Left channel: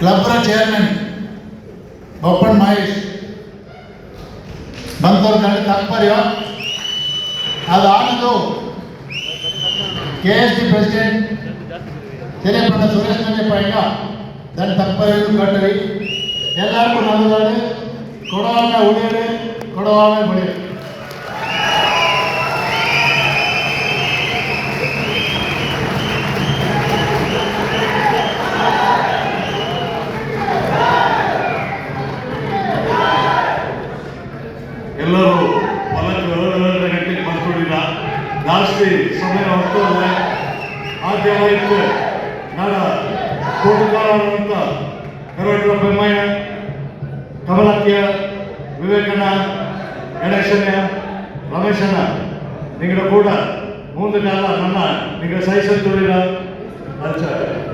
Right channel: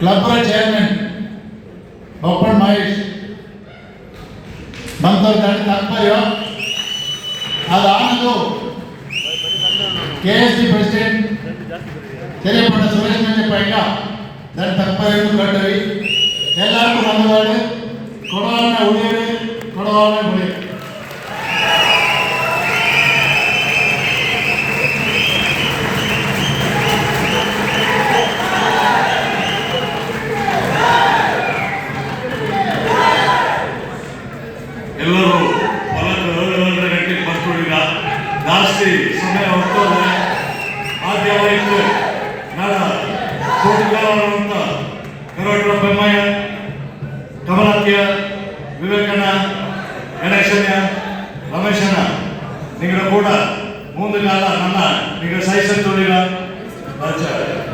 ಕ್ಲಬ್ರ chairman ಬೊಪ್ಪಣ್ಣ Mahesh ಬಂದವ್ರ ಕಂಡು ತಾತ್ಪರ್ಯ ಅದಾನದು KSD president ತೆರೆಪಣ್ಣ Suresh Manjappa ಈಗ దాని తప్పలేదు కట్టవి ಎಲ್ಲರಿಗೂ ಬಂದವಾಡು ಕೊಡವಾನ ಉಳಿಯದೆ ಕೊಡವಾನ ಉಳಿಯದೆ ಎಲ್ಲರೂ ಹೊಲಕ್ಕೆ ಗಂಟೆಗೆ ಬರ್ಕೊಡಿಗ ಜಾಸ್ತಿ ಸಮಯ ಹೊರಟೋದ್ರೆ ಆದ್ಯವಾಯಿತು ನಾಡ ಕೋಟಿಗಾರರಂತ ಕರೋಡ್ರ ಬೆಮ್ಮಯ್ಯ ಕಮಲತ್ಯ ವಿವೇಕಣ್ಣ ಗಣೇಶಣ್ಣ ರಮೇಶಣ್ಣ ನಿಂಗಳ ಕೂಡ ಮುಂದೆ ಕಾಲ ನನ್ನ ನಿಂಗೆ ಸಹಿಸೋದಿಲ್ಲ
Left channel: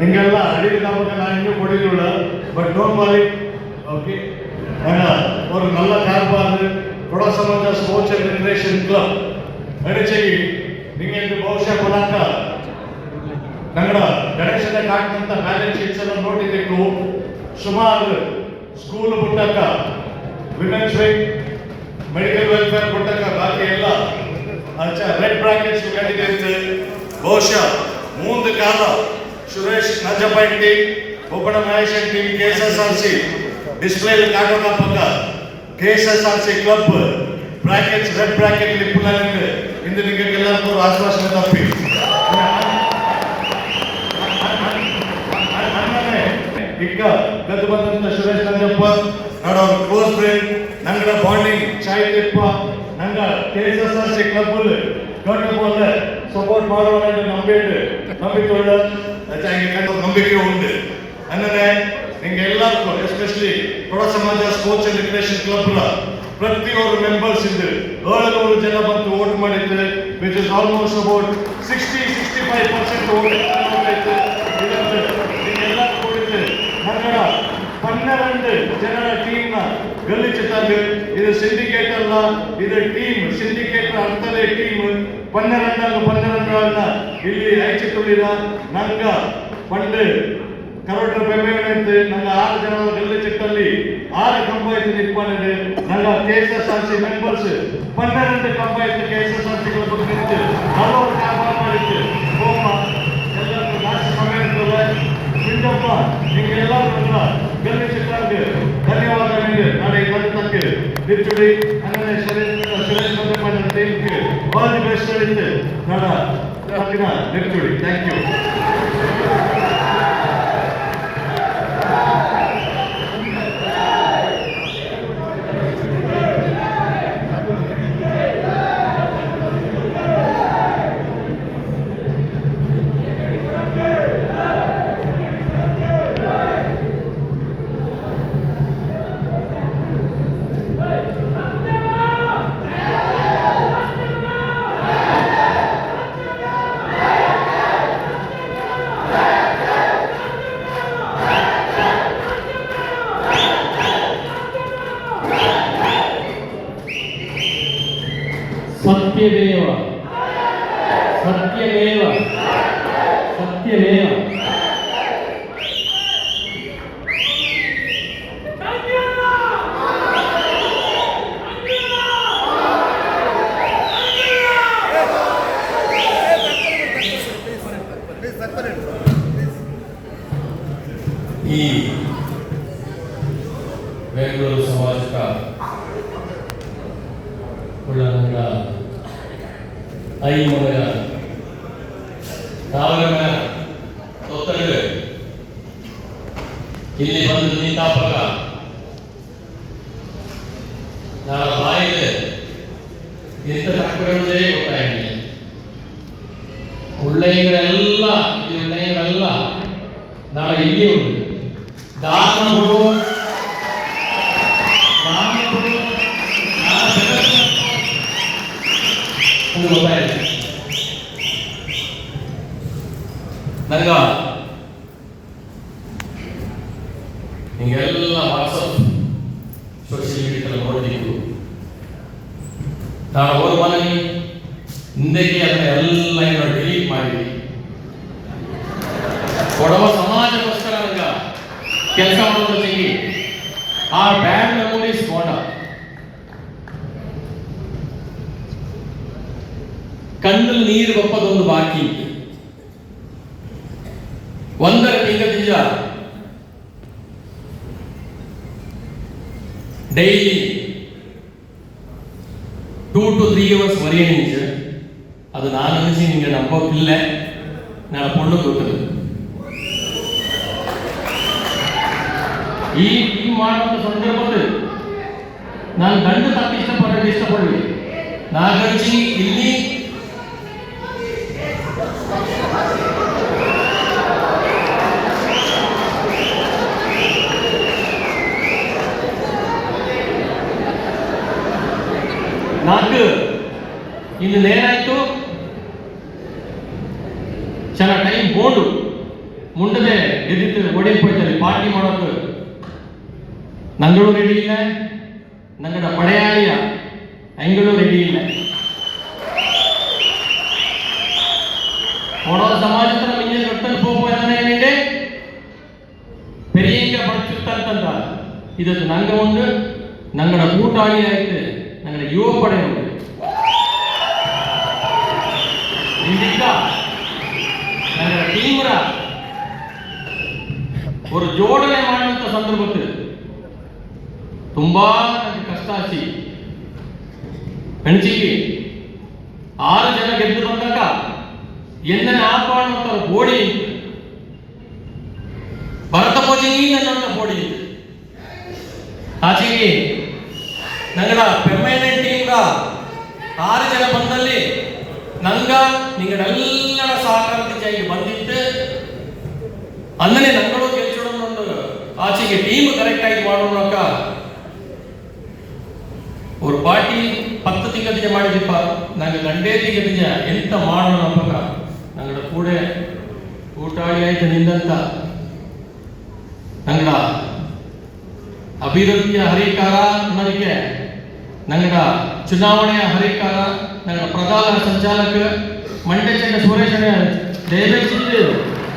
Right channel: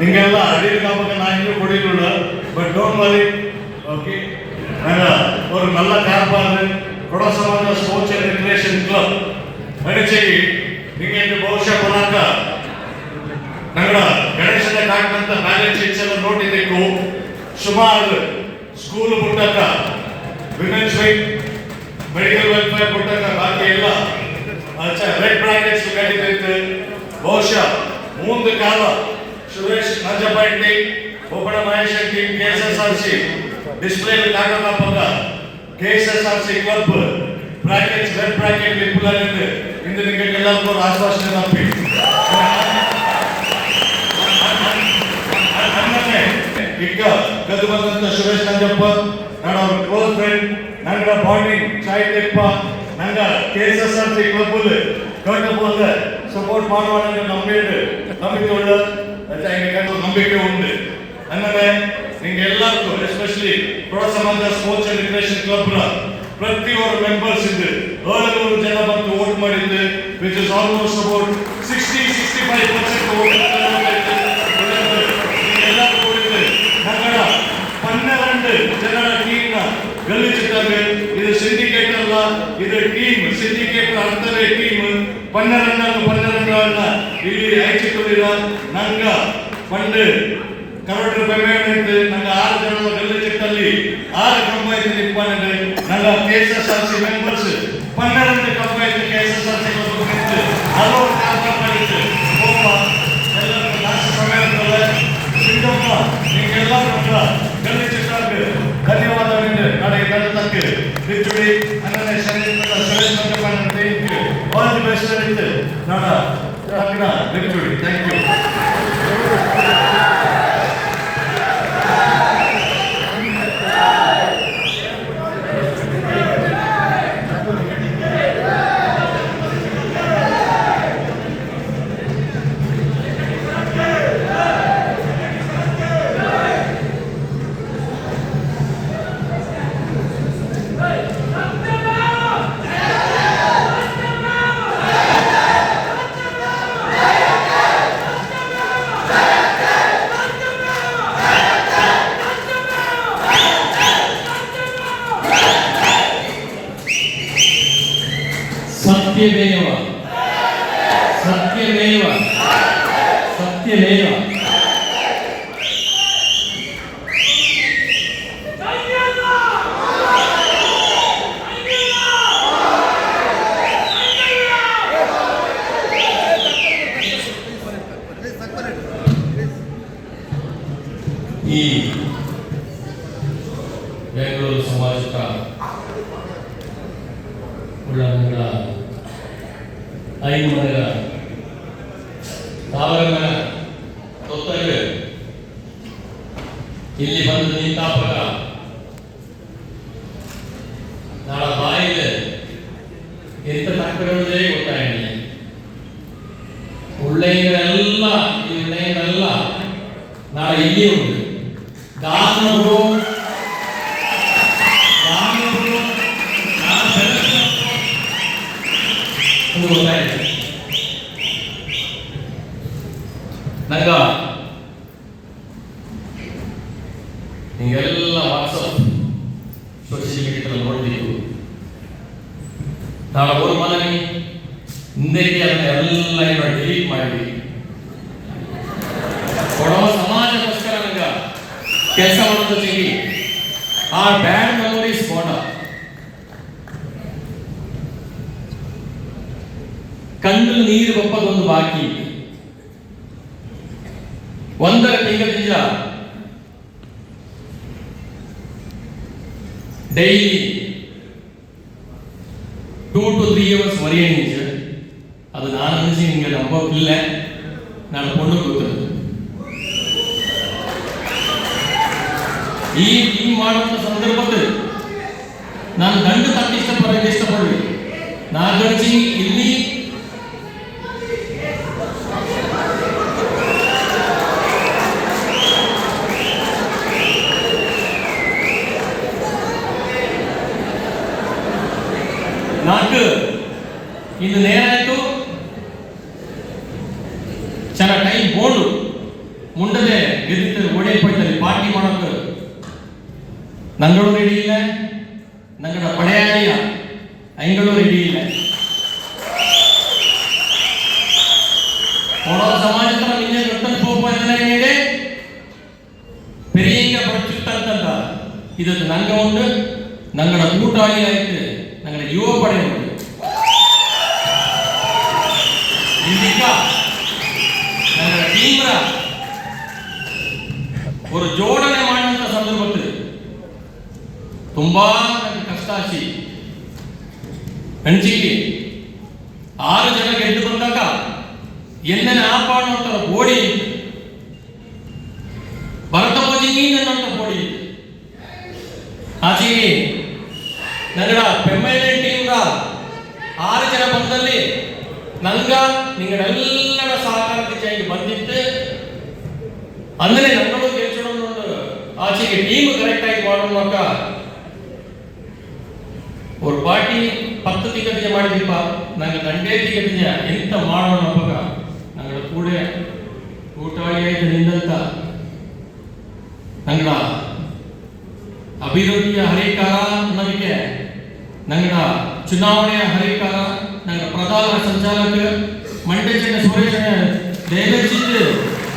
ನಿಂಗೆಲ್ಲ ಅಡಿಗೆ ಕಾಪಕ್ಕೆ ನಾನು ಇನ್ನೂ ಕೊಡಿಲ್ಲ ಬಟ್ ಡೋಂಟ್ ವರಿ ಓಕೆ ஒரு நல்ல கார்பார் கொடசமங்க ஸ்போர்ட்ஸ் அண்ட் ரிக்ரியேஷன் ಕ್ಲಬ್ ನಡೆಸಿಗಿ ನಿಮಗೆ ಬಹುಶಃ ಕೊನಾಕ ನಗರ ಗಣೇಶನ ಕಾಟಂತ ಬ್ಯಾಲೆನ್ಸ್ ಶೀಟ್ಸ್ ಎಲ್ಲ ನೋಡಿಬೇಕು ಸುಮಾರು ಸ್ಕೂಲ್ ಬಿಟ್ಟಕ್ಕ ವಿಮೆನ್ಸ್ ವಿಂಗ್ ಮೆಡಿಕಲ್ ವೆಲ್ಫೇರ್ ಬಿಟ್ಟಕ್ಕ ಬಾಕಿ ಎಲ್ಲ ರೆಡ್ ಬ್ರಾಕೆಟ್ಸ್ ಕಟ್ಟಿದ್ದೆ ಬಹುಶಃ ಮುಂದೆ ಕಾಲ ಸುರೇಶ್ ನಜಪೈಟಿ ಒಬ್ಬನ ಮಹೇಶ್ ಟೀಮ್ KSSRC ಡಿಸ್ಪ್ಲೇ ಕಾಟಕ ಪಕ್ಕ KSSRC club brackets red bracket ಲಿಪ್ಪುಲಂದು ಇಂದು ನಿಮಗೆಲ್ಲರಿಗೂ ಆಶ್ವಾಸನೆ ತಪ್ಪಿ ಈಗ ಗದ್ದು ಬಂದಂತ ಸುರೇಶ್ ನಂಜಪ್ಪ ಅವ್ರ ಕ್ಲೋಸ್ ಫ್ರೆಂಡ್ ನಂಗಡ ಬಾಂಡಿಂಗ್ ಸಾಹಿತ್ಯಪ್ಪ ನಂಗ KSSRC ಕ್ಲಬ್ ದೊಡ್ಡ ಸಪೋರ್ಟ್ ಮಾಡುವ ನಂಬಿಕೆ ಉಂಟು ಅನ್ನದೇ ನಿಮ್ಗೆ ಎಲ್ಲರಿಗೂ ಎಸ್ಪೆಷಲಿ ಕೊಡ ಸಮಾಜ ಸ್ಪೋರ್ಟ್ಸ್ ಅಂಡ್ ರಿಕ್ರಿಯೇಷನ್ ಕ್ಲಬ್ ಪ್ರತಿಯೊಬ್ಬರು ಮೆಂಬರ್ಸ್ ಇದ್ದು 700 ಜನ ಬಂದು ವೋಟ್ ಮಾಡಿದ್ದು which is almost about 60-65% vote ಎಲ್ಲ ಕೊಡಿದ್ದು ನಗರ 12 ಜನರ ಟೀಮ್ನ ಗೆಲ್ಲಿಸಿದ್ದಾರೆ. ಇದು ಸಿಂಡಿಕೇಟ್ ಅಲ್ಲ, ಇದು ಟೀಮ್. ಸಿಂಡಿಕೇಟ್ ಅಂತಲೇ ಟೀಮ್ 12 ಇಲ್ಲಿ ಆಯ್ಚಿಕೊಂಡಿರ ನಂಗ ಪಂಡ್ ಕರೋಡ್ರ ಬೆಂಬಲಿತ ನಂಗೆ 6 ಜನರ ಗೆಲ್ಲಿಸಿಟ್ಟಲ್ಲಿ 6 ಕಂಬ ಐತಿ ನಿಪ್ಪಂಡೆ ನಂಗೆ KSSRC ಮೆಂಬರ್ಸ್ 12 ಕಂಬ ಐತಿ KSSRC ನಿಂತು 40 ಕಾಲ ಮಾಡಿತ್ತು ಹೋಮ ಎಲ್ಲರೂ ಜಾಸ್ತಿ ಸಮಯ ಇರ್ತಲ್ಲ ಸಿಂಧಪ್ಪ ನಿಮಗೆಲ್ಲರೂ ಗೆಲ್ಲಿಸಿಟ್ಟಾಗ ಧನ್ಯವಾದಗಳು. ನಾಳೆ ಕನ್ನಡಕ್ಕೆ ಬಿಚ್ಚುಡಿ ಅನ್ನೇ ಸುರೇಶ್ ಮಂಜಪ್ಪ ಟೀಮ್ಗೆ ಆಲ್ ದಿ ಬೆಸ್ಟ್ ಇತ್ತು ನಾಡ ಬಿಚ್ಚುಡಿ. Thank you. ಸತ್ಯಮೇವ ಸತ್ಯಮೇವ ಸತ್ಯಮೇವ ಈ ಬೆಂಗಳೂರು ಸಮಾಜಕ ಉಳ್ಳಂಗ ಐಮೂರ ತಾವರ ತೊತ್ತಗ ಇಲ್ಲಿ ಬಂದು ನಿಂತಾಪಕ ನಾಳೆ ಬಾಯಿಗೆ ಎಂತ ತಕ್ಕುವುದೇ ಗೊತ್ತಾಗಿದೆ. ಉಳ್ಳೆಯರೆಲ್ಲ ಈ ಉಳ್ಳೆಯರೆಲ್ಲ ನಾಳೆ ಇಲ್ಲಿಯೇ ಉಂಟು. ದಾನಗಳು ಗೊತ್ತಾಯ್ತು ನಂಗ. ನೀವೆಲ್ಲ ವಾಟ್ಸಪ್ ಸೋಷಿಯಲ್ ಮೀಡಿಯಾದಲ್ಲಿ ನೋಡ್ಬೇಕು. ನಾಳೆ ಹೋದ ಮನೆ ಹಿಂದಕ್ಕೆ ಅದನ್ನ ಎಲ್ಲ ಡಿಲೀಟ್ ಮಾಡಿದ್ವಿ. ಕೊಡವ ಸಮಾಜಕ್ಕೋಸ್ಕರ ನಂಗ ಕೆಲಸ ಮಾಡೋದಕ್ಕೆ ಆ ಬ್ಯಾಡ್ ಮೆಮೊರೀಸ್ ಗೋಣ ಕಣ್ಣಲ್ಲಿ ನೀರು ಬಪ್ಪದೊಂದು ಬಾಕಿ ಒಂದರ ನಿಜ ಡೈಲಿ 2 to 3 hours ಮರಿಯಣಿಸ ಅದು ನಾನು ಅನಿಸಿ ನಿಮಗೆ ನಂಬೋಕ್ಕಿಲ್ಲ ನಾನು ಕೊಂಡು ಕೂತರು ಈ ಟೀಮ್ ಮಾಡುವಂತ ಸಂದರ್ಭದಲ್ಲಿ ನಾನು ಗಂಡು ತಕ್ಕ ಇಷ್ಟಪಡಲಿ ನಾಗರ್ಜಿ ಇಲ್ಲಿ నాకు ಇನ್ನು ನೇರಾಯ್ತು ಚೆನ್ನಾಗಿ ಟೈಮ್ ಬೋರ್ಡು ಮುಂಡದೆ ಗೆದ್ದಿತ್ತು ಓಡಿపోಯ್ತದೆ ಪಾರ್ಟಿ ಮಾಡೋದು ನಂಗಳು ರೆಡಿ ಇಲ್ಲ ನಂಗಡ ಪಡೆಯಾಯ ಐಗಳು ರೆಡಿ ಇಲ್ಲ ಓಡೋ ಸಮಾಜದ ನಿನ್ನೆ ದೊಡ್ಡ ಹೋಗುವಂತೆ பெரிய படிச்சுட்டாங்க ಇದಕ್ಕೆ ನಂಗ ಒಂದು ನಂಗಡ ಕೂಟಾಳಿ ಆಯ್ತು ನಂಗಡ ಯುವ ಪಡೆ ಉಂಟು ಇದೀಗ ನಂಗಡ ಟೀಮ್ರ ஒரு ಜೋಡಣೆ ಮಾಡುವಂತ ಸಂದರ್ಭದಲ್ಲಿ ತುಂಬಾ ಕಷ್ಟ ಆಚಿ ಹೆಣ್ಚಿಗೆ 6 ಜನ ಗೆದ್ದು ಬಂದಾಗ ಎನ್ನನ ಆಪಾಡುವಂತ ಬೋಡಿ ಭರತ ಭೋಜಿನಿ ನನ್ನಂತ ಬೋಡಿ ಆಚೆಗೆ ನಗರ ಪರ್ಮನೆಂಟ್ ಟೀಮ್ಗ 6 ಜನ ಬಂದಲ್ಲಿ ನಂಗ ನಿಗಳೆಲ್ಲರ ಸಹಕಾರದಿಂದ ಬಂದಿತ್ತು ಅಂದ್ರೆ ನಂಗಳು ಗೆಲ್ಸೋಣ ಆಚೆಗೆ ಟೀಮ್ ಕರೆಕ್ಟ್ ಆಗಿ ಮಾಡೋಣ ஒரு ಪಾರ್ಟಿ 10 ತಿಂಗಳಿಗೆ ಮಾಡಿದೀಪ ನಂಗೆ ದಂಡೇ ತಿಂಗಳಿಗೆ ಎಂತ ಮಾಡೋಣ ಅವಾಗ ನಂಗಳ ಕೂಡ ಊಟಾಳಿ ಆಯ್ತು ನಿಂದಂತ ನಂಗಳ ಅಭಿವೃದ್ಧಿಯ ಹರಿಕಾರ ನನಗೆ ನಂಗಳ ಚುನಾವಣೆಯ ಹರಿಕಾರ ನಂಗಳ ಪ್ರಧಾನ ಸಂಚಾಲಕ ಮಂಡ್ಯ ಸುರೇಶನ ದಯವಿಟ್ಟು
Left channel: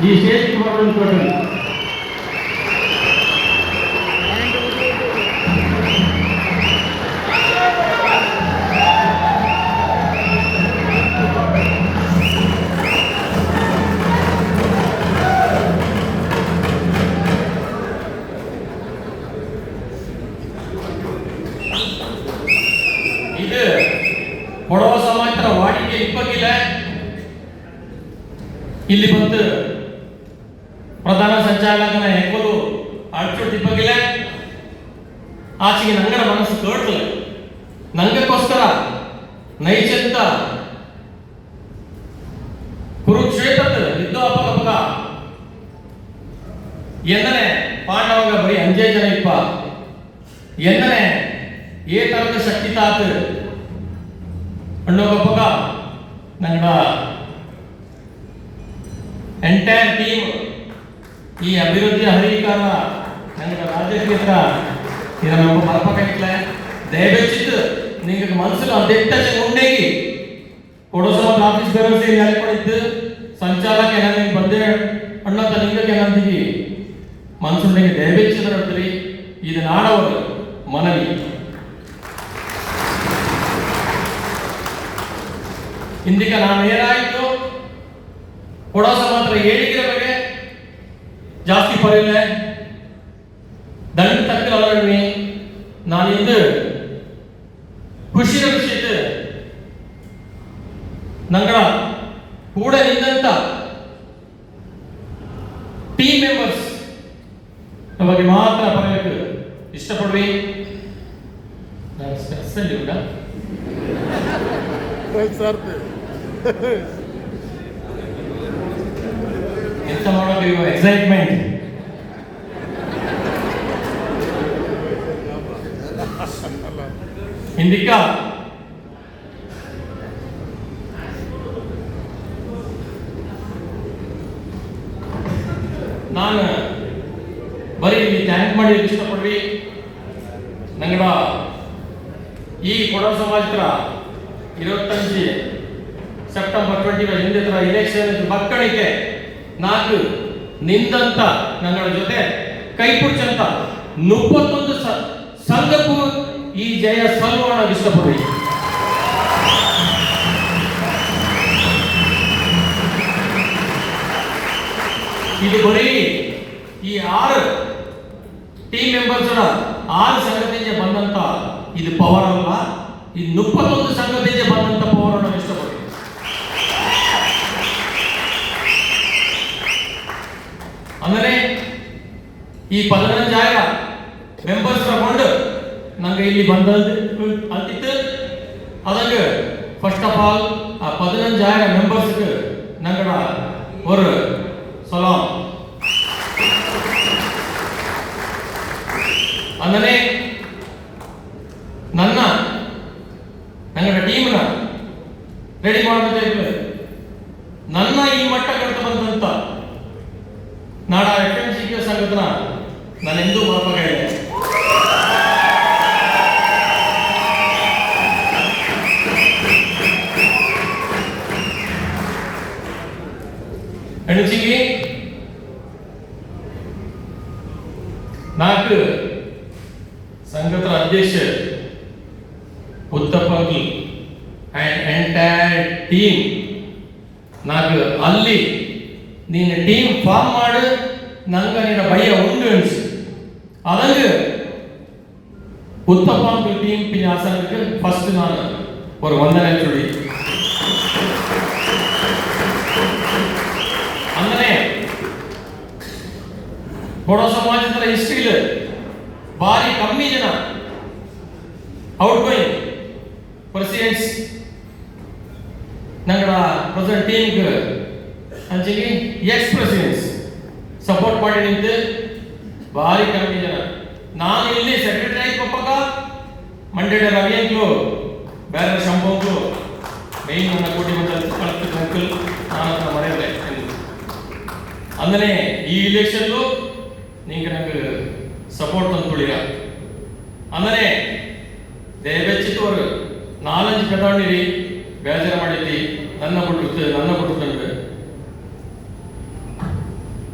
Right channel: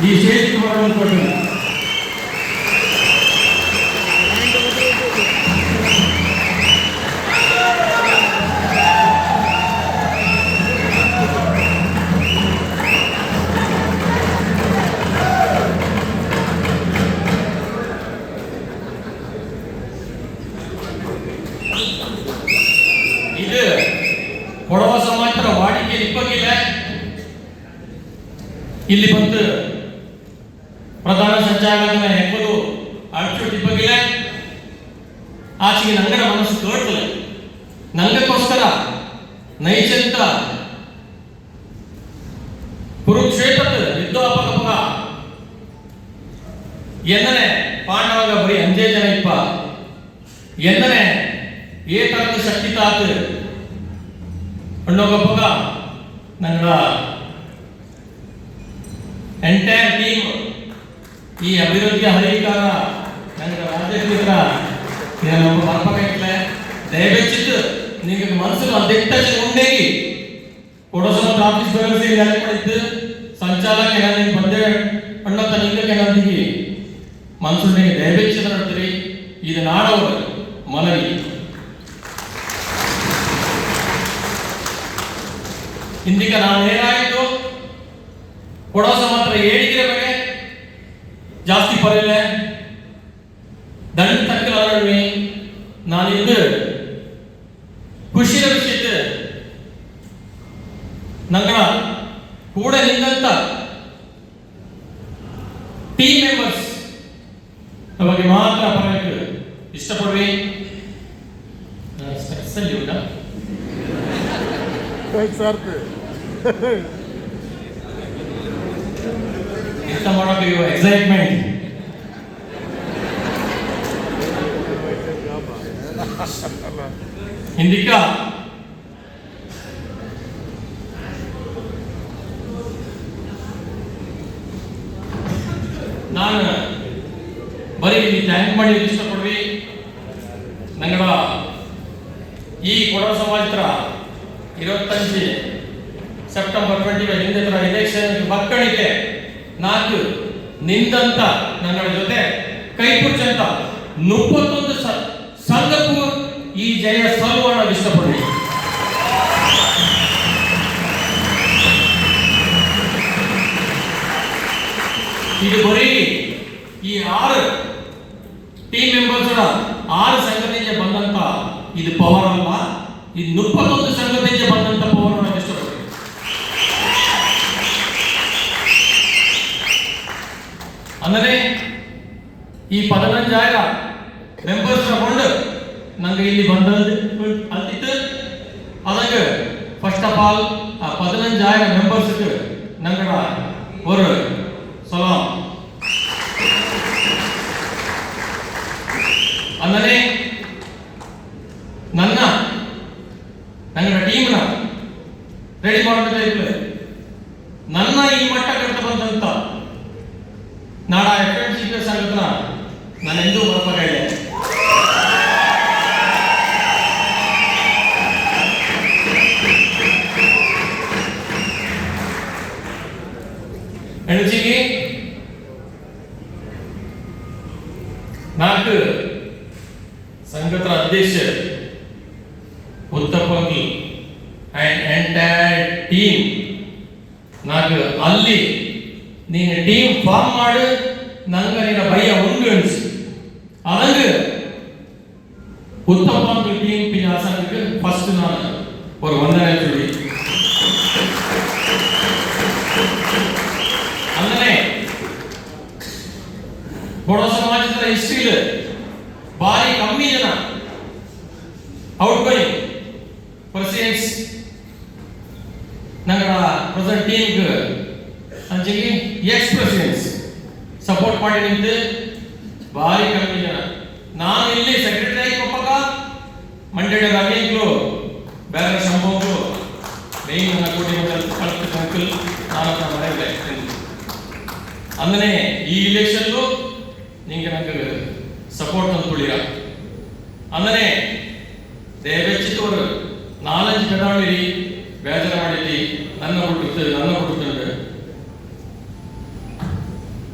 ಈ ಸ್ಟೇಜ್ ಮಾಡುವಂತ ಇದು ಕೊಡವ ಸಮಾಜದ ವಾಡಿಕೆ ಇಪ್ಪಕ್ಕಿಲ್ಲ ಇಲ್ಲಿ ಬಂದು ಪ್ರಧಾನ ಸಂಚಾಲಕನ ಹೆಂಗದು ಅಡ್ಚೋಟ್ ಇಪ್ಪಕ್ಕಿಲ್ಲ ಆಚೆಗೆ ನಂಗರ ಮನಸ್ಸು ತೋಟಲ್ಲ ನಂಗಕ್ಕೋಸ್ಕರ ನೈಜಂತ ಕುರುಕ್ಷೇತ್ರದ ಯುದ್ಧೋಪಕ ಎನ್ನನೆ ಪಾಂಡವಾಗ ಬರೀ 5 ಜನ ಇಪ್ಪ ಎನ್ನನೆ ಏಕರದ ಶಕ್ತಿ ತಾತು ಅನ್ನೋಗಪ್ಪಗ ನಂಗ ಎಂಟೈರ್ ಟೀಮ್ ಈ ಅಭಿವೃದ್ಧಿ ಹರಿಕಾರ ನಂಗ ರಾಜ್ಯಕ್ಕೆ ನಮ್ಮ ಬರ್ಬೇಕಾಗಿಲ್ಲ ದಯವಿಟ್ಟು ನಿಮಗೆ ಮನಸ್ಸು ಅದೆಟ್ಟಾಚೆ ಮುಂದೇಗಿ ಕೊಡಸಮ ಆಫೀಸ್ ಬೆಳಸಿ ಮಾಡಿದ್ದು ಸಂಚಾಲಕ ನಾನು ಬಂದೆ ಅಣ್ಣತ ನಿಂಗೆ ನಂದಿಗೆ ಮನಸ್ಸು ದಯವಿಟ್ಟು ನೋಡ್ತೀರಿ ಇದು ನಾಡವರು ಮನವಿ ಇಂದಿಗೆ ನಾನು ಏನಾಯಿತು ಕೊಡೋಸ ಮಾತ್ರ ಹೇಳಿಕೆ ಬಗ್ಗೆ ಜಾಸ್ತಿ ಪರವಿಲ್ಲ ದಂಡ ತಕ್ಕ ನಾನು ಇಂದು ಖುಷಿಯ ವಿಷಯ ನಂಗ ಕೂಡ ನಿಂತ ಟೀಮ್ ಮೆಂಬರ್ಸ್ ಬಗ್ಗೆ ಮಾತ್ರ ಪರಬೇಕು ಇಷ್ಟಪಡ್ವಿ ನಾನು ಸ್ಟ್ರೆಸ್ಸಲ್ಲಿ ಇಲ್ಲ ಎಂತ ಮಾಡೋದು ಎಕ್ಸೈಟ್ಮೆಂಟ್ ಹಿಂದಿಕ್ಕ ನಾನು ಬರೀ ಥ್ಯಾಂಕ್ ಮಾಡಿ ಇಷ್ಟಪಡ್ವಿ ನಂಗ ಈ ಕೊಡವ ಸಮಾಜದ 25 ಸೆಪ್ಟೆಂಬರ್ 25 ಹಿಂದೆ ಇಲೆಕ್ಷನ್ ಮಕ್ಕಳಿಗೆ 4 ನಿಂದಂತ ನನ್ನ ಜೊತೆ ಕೈಪುರ್ಚಂತ 31 ಸಂಘಕ್ಕೂ ಈ ಜಯ ಸಲ್ಲೋಣ ಇಷ್ಟಪಡ್ತೀನಿ. ಇದು ಬರೀ ಈ 6 ಟೀಮ್ ಮೆಂಬರ್ಸ್ 6 ಸಂಘದಿಂದ ಬಂದಂತ ಇದು ಪವರ್ ಅಲ್ಲ, ಇದು 31 ಸಂಘದಿಂದ ಬಂದಂತ ಪವರ್ ಅನ್ನು ಇಷ್ಟಪಡ್ತೀನಿ. ಅಂದರೆ ಈ 15,000 ಮೆಂಬರ್ಸ್ ತಗೊಂಡು ನಂಗೆ ಇಲ್ಲಿ ಬಂದದ್ದು ಅಂತಿತ್ತು. ಅದಂಗೆ ಫಸ್ಟ್ ಆಫ್ ಆಲ್ ಆ 15,000 ಮೆಂಬರ್ಸ್ಗೆ ನಂಗಡ ஒரு ಸಲಾಮ್. ಅಂದರೆ ನನ್ನ ಟೀಮ್ನ ರೆಡಿ ಮಾಡೋದು ನನ್ನ ಈ ಮಟ್ಟಕ್ಕೆ ಬಂದಂತ ನಾಡ FMCG ಸಂಘಟನಾ ನಾನೆಂದೂ ಮರೆಯಬೇಕಾಗಿದೆ. ಎಣಸಿಗೆ 4 ಸಂಘಟನಾ ಅಧ್ಯಕ್ಷ ಉತ್ತಪಂಗಿ ಅಂಡ್ ಎಂಟೈರ್ ಟೀಮ್ నాకు ಅಲ್ಲಿ ನೀನು ಟೀಮ್ ಫಾರ್ಮ್ ಮಾಡಿ ನಂಗೆ ನಿನ್ನ ಭಯ ಉಂಟು ಅನಿಸಿ ಅದಂಗೆ ಉತ್ತಪಂಗಿ ಟೀಮ್ ಪಿನ್ಯಾಸಕ್ಕೆ ಫಸ್ಟ್ ನಾನು ஒரு ವಂದನೆ சொல்லி ಅಂದರೆ ಕೊಡೋ ಸಮಾಜದ ಹಿಸ್ಟ್ರಿಲಿ ಭಾರಿ ಕಮ್ಮಿ ಜನ ಔಟ್ ಗೋಯಿಂಗ್ ಪ್ರೆಸಿಡೆಂಟ್ಸ್ ನಂಗಡ ಪ್ರೆಸೆಂಟ್ ಟೀಮ್ಗೆ ಅಂಚೆಗೆ ಎಕ್ಸ್ ಪ್ರೆಸಿಡೆಂಟ್ಸ್ ಸಪೋರ್ಟ್ ಮಾಡಿ ನಿಂತು ಭಾರಿ ಕಮ್ಮಿ ಜನ. ನಾನು ಇಲ್ಲಿ ಸೆಕ್ರೆಟರಿ ಕೊಪ್ಪಕ ಮಂಡ್ಯದ ರವಿಗಳು ಬೇರೆ ಸಂಭವಗಳು ಮೈ ನನ್ನ ಕೋಟಿ ಅಂಕಲ್ ನಾನು ಮನೆಯಲ್ಲೇ ಅಂದರೆ ಈ ಇಲೆಕ್ಷನ್ಲು ನಿಂಗೆ ನಂಗೆ ಸಪೋರ್ಟ್ ತಂದುಕೊಳ್ಳಿರ ಅಂದರೆ ದಯವೆಚ್ಚಿಟ್ಟು ಅವರು 4 ಕಡಾಣಿರಿ ಬೇಜಾರು ಮಾಡಿದ್ದಿ ನನ್ನ ಬಿಟ್ಟು ತಂದೆ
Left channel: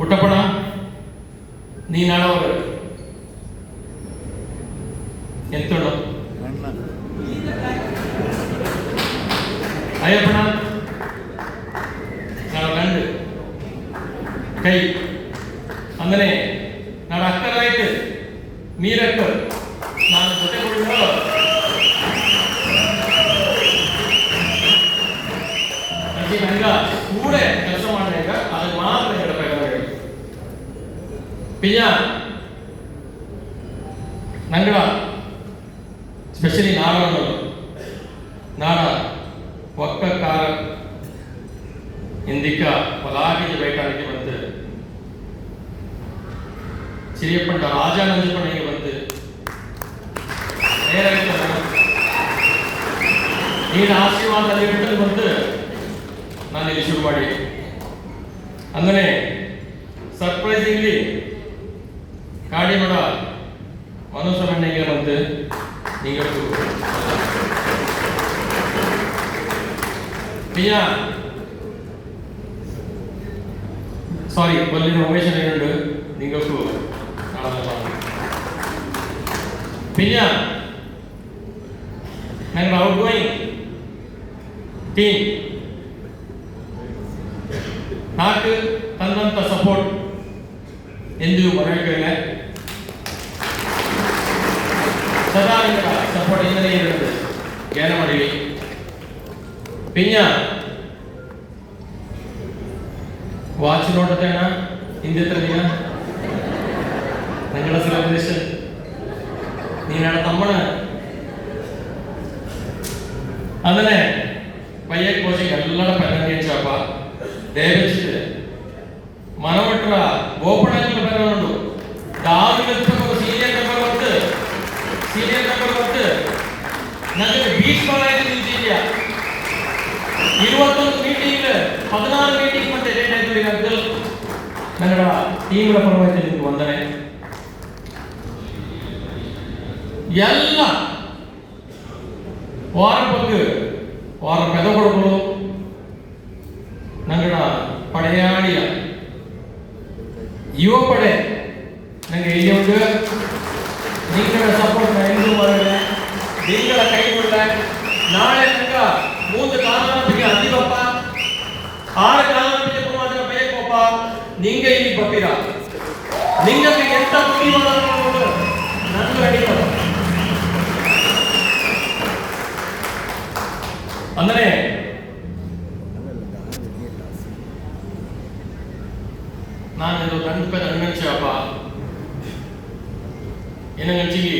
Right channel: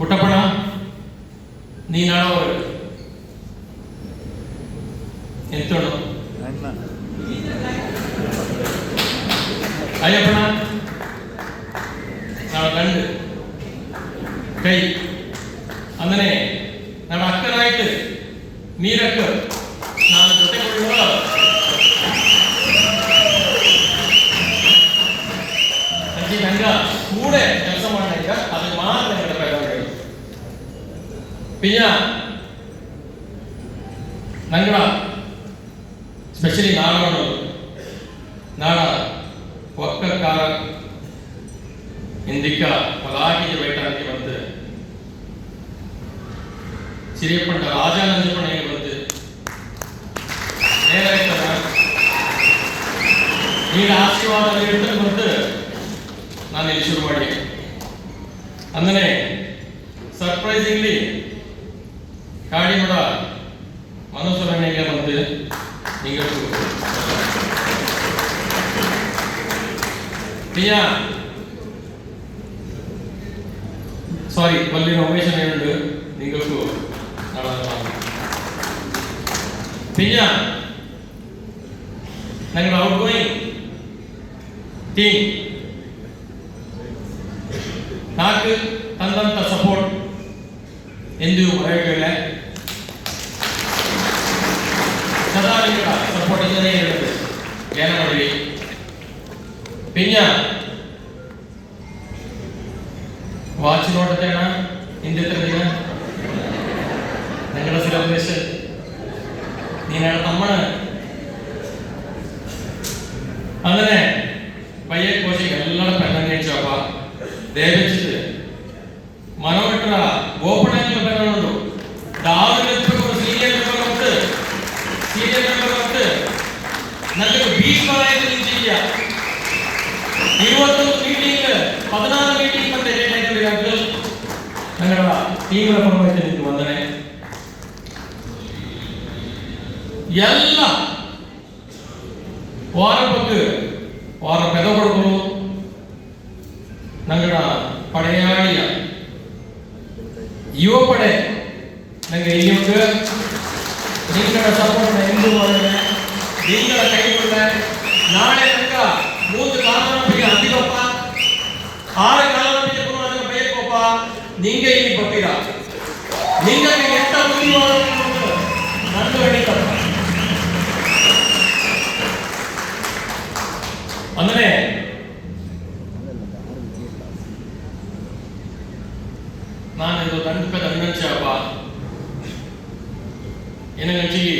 ಉಟ್ಟಪಣ ನೀನಾಳವರು ಎಂತೋಣ ಅಯ್ಯಪ್ಪಣ ನಾಳೆ ಗಂಡು ಕೈ ಅಂದರೆ ನನ್ನ ಅಕ್ಕನಾಯ್ತು ನೀರಕ್ಕ ನಾನು ಜೊತೆ ಹಂಗ ಕೂಡ ಕೆಲಸ ಮಾಡಿದಾಗ ಅದು ಮಾತ್ರ ಹೇಳಬೇಕಾಗಿ ಪಿಯ್ಯ ನಂಗಡ ಸ್ಪೆಷಲಿ ನಾಡ ಒಕ್ಕಕಾರ ಇಂದಿಕ್ಕ ಪಲಾಕಿಗೆ ಬೇಕಾಗಿ ಬಂದು ಸಿರಿಯಪ್ಪಂಟ ರಾಜ ನಂಜಪ್ಪನಿಗೆ ಬಂದು ನೇರಾಯ್ತದ ನೀನು ಆಶೀರ್ವಾದ ಇಡ್ತಾರೆ ಬಂದು ನಾನು ಇಲ್ಲಿ ಶುರು ಮಾಡಿ ಅಂದರೆ ಸರ್ಪ್ರೈಸಿಂಗ್ಲಿ ಕಾಡಿಮಡ ಮನೋಸರಣಿಗೆ ಬಂದು நீங்க பிரியா ಸಾರಿ ಒಲ್ಲಿ ರಮೇಶನ್ ಹೇಳು ನಿಂಗಕ್ಕೂ பிரியா ನಂಗೆ ಔಟ್ ಗೋಯಿಂಗ್ ಟೀಮ್ నాకు ತಂದಂತ ಸಪೋರ್ಟ್ ಎಂದಿಗೂ ಮರೆಯೋಕ್ಕಿಲ್ಲ. ಸದಾ ನಿಮಗೆ ಸಪೋರ್ಟ್ ಇಂದನೇ ಇರೋದು ಏನು ಮಾಡಿ ಪಿನ್ಯ ವಾಚ್ ನೋಡ್ತೇಣ ಹಿಂದೆ ತರದೀಗ ನಿങ്ങളുടെ സെലിബ്രേഷൻ ನೀನಾಡ ತಮ್ಮನ അങ്ങനെ പയ്യെ കോശി ಎಲ್ಲರ ಪೆರ್ಮನೆಂಟ್ ದಯವಿಟ್ಟು ಮನವಟ್ರ ಓಪನ್ ಬರೋದು ಸೀನಿಯರ್ ನನಗೆ ಬೀಚ್ ಬರಾಯ್ತು ನಿಂತಿದ್ಯಾ 21 ಮೀಟಿಂಗ್ 14 ಮೀಟಿಂಗ್ ಮತ್ತೆ ಡೇಟ್ ಆಯ್ತು ನನ್ನ ಟೀಮ್ನ ಪರವಾಗಿ ನಿಮ್ಗೆ ವಂದನೆ. ಎಲ್ಲ ವಾರ ಪೆದಗಳು ನಂಗಡ ಪಡೆಯಾಳಿಯ ಯುವ ಪಡೆ ನಂಗೆ ಇಲ್ಲಿಯೊಂದು ನಿಂಗಳ ಸಪೋರ್ಟ್ ಎಂದು ಮಾಡಿದೆ ನಿಂಗಳ ಕೈಗೊಂಡೆ ನಾಳೆ ತನಕ 3 ಕಾಲರಪಿಗೆ ಅದಿಗಪ್ಪ 6 ಕಾಲರಪಿಗೆ ಪುನಃ ಬೇಕಪ್ಪ ನಿಂಗೆ ಇಲ್ಲಿ ಬರ್ತೀರಾ ನಿಂಗೆ ಎಂತ ಬುದ್ಧಿ ಮಾಡೋದು ನಂದು ನಡೀತದ ಅಂದರೆ ನಾನಿದು ದಂಡುಕದ ಅಣ್ಣಂಚಪ್ಪ ಏನು ನೆಂಚಿಗೆ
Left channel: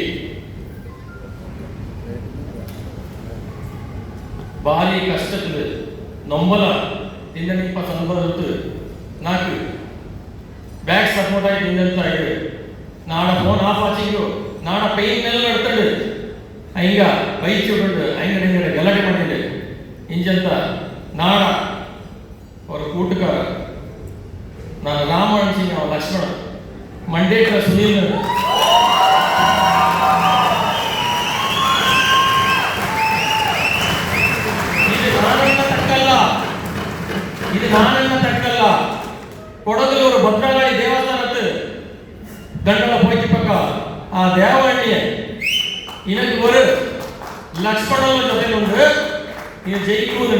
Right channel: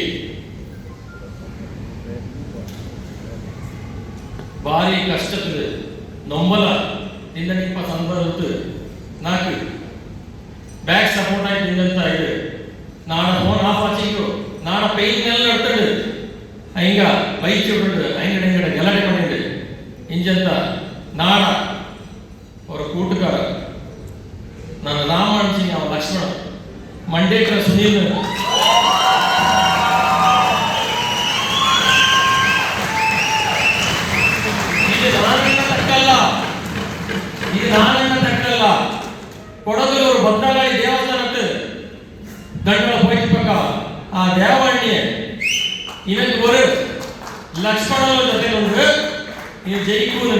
ಭಾರಿ ಕಷ್ಟದ ನೊಂಬಲ ತಿಂಗಳಿಪ್ಪ ಸಂಬಂಧ ನಾಲ್ಕು ಬ್ಯಾಕ್ ಸಪೋರ್ಟ್ ಆಗಿ ನಿಂದಂತ ಇದು ನಾಡ ಫೋನ್ ಆಫ್ ಆಚಿಂದು ನಾಡ ಪೈನೆಲ್ಲ ನಡ್ಕೊಂಡು ಹಿಂಗ ಬೈಕ್ ಚೂಡು ಹಿಂಗಡೆ ಗಲಾಟೆ ಮಾಡಿದೆ ಇಂಜಂತ ನಾಡ ಅವರ ಕೂಟಗಾರ ನಾನು ರಾಮ ಅನ್ಸಿನಿ ಅವ ಲಕ್ಷ್ಮಣ ಮಂಡೇಕರ ಸುನೀಲ್ ಇದು ನಾನನ್ನ ತಕ್ಕಲ್ಲ ಕೊಡಗಲೂರು ಭದ್ರಕಾಳಿ ದೇವಸ್ಥಾನಕ್ಕೆ ದಂಡಲ ಹೋಯ್ತು ಪಕ್ಕ ಆ ದೇವಣ್ಣಿಯ ಇದಕ್ಕೆ ஒரு ಲಕ್ಷ್ಮಣ ಜೊತೆ ಒಂದು ಇದು ಜೈಕೂರು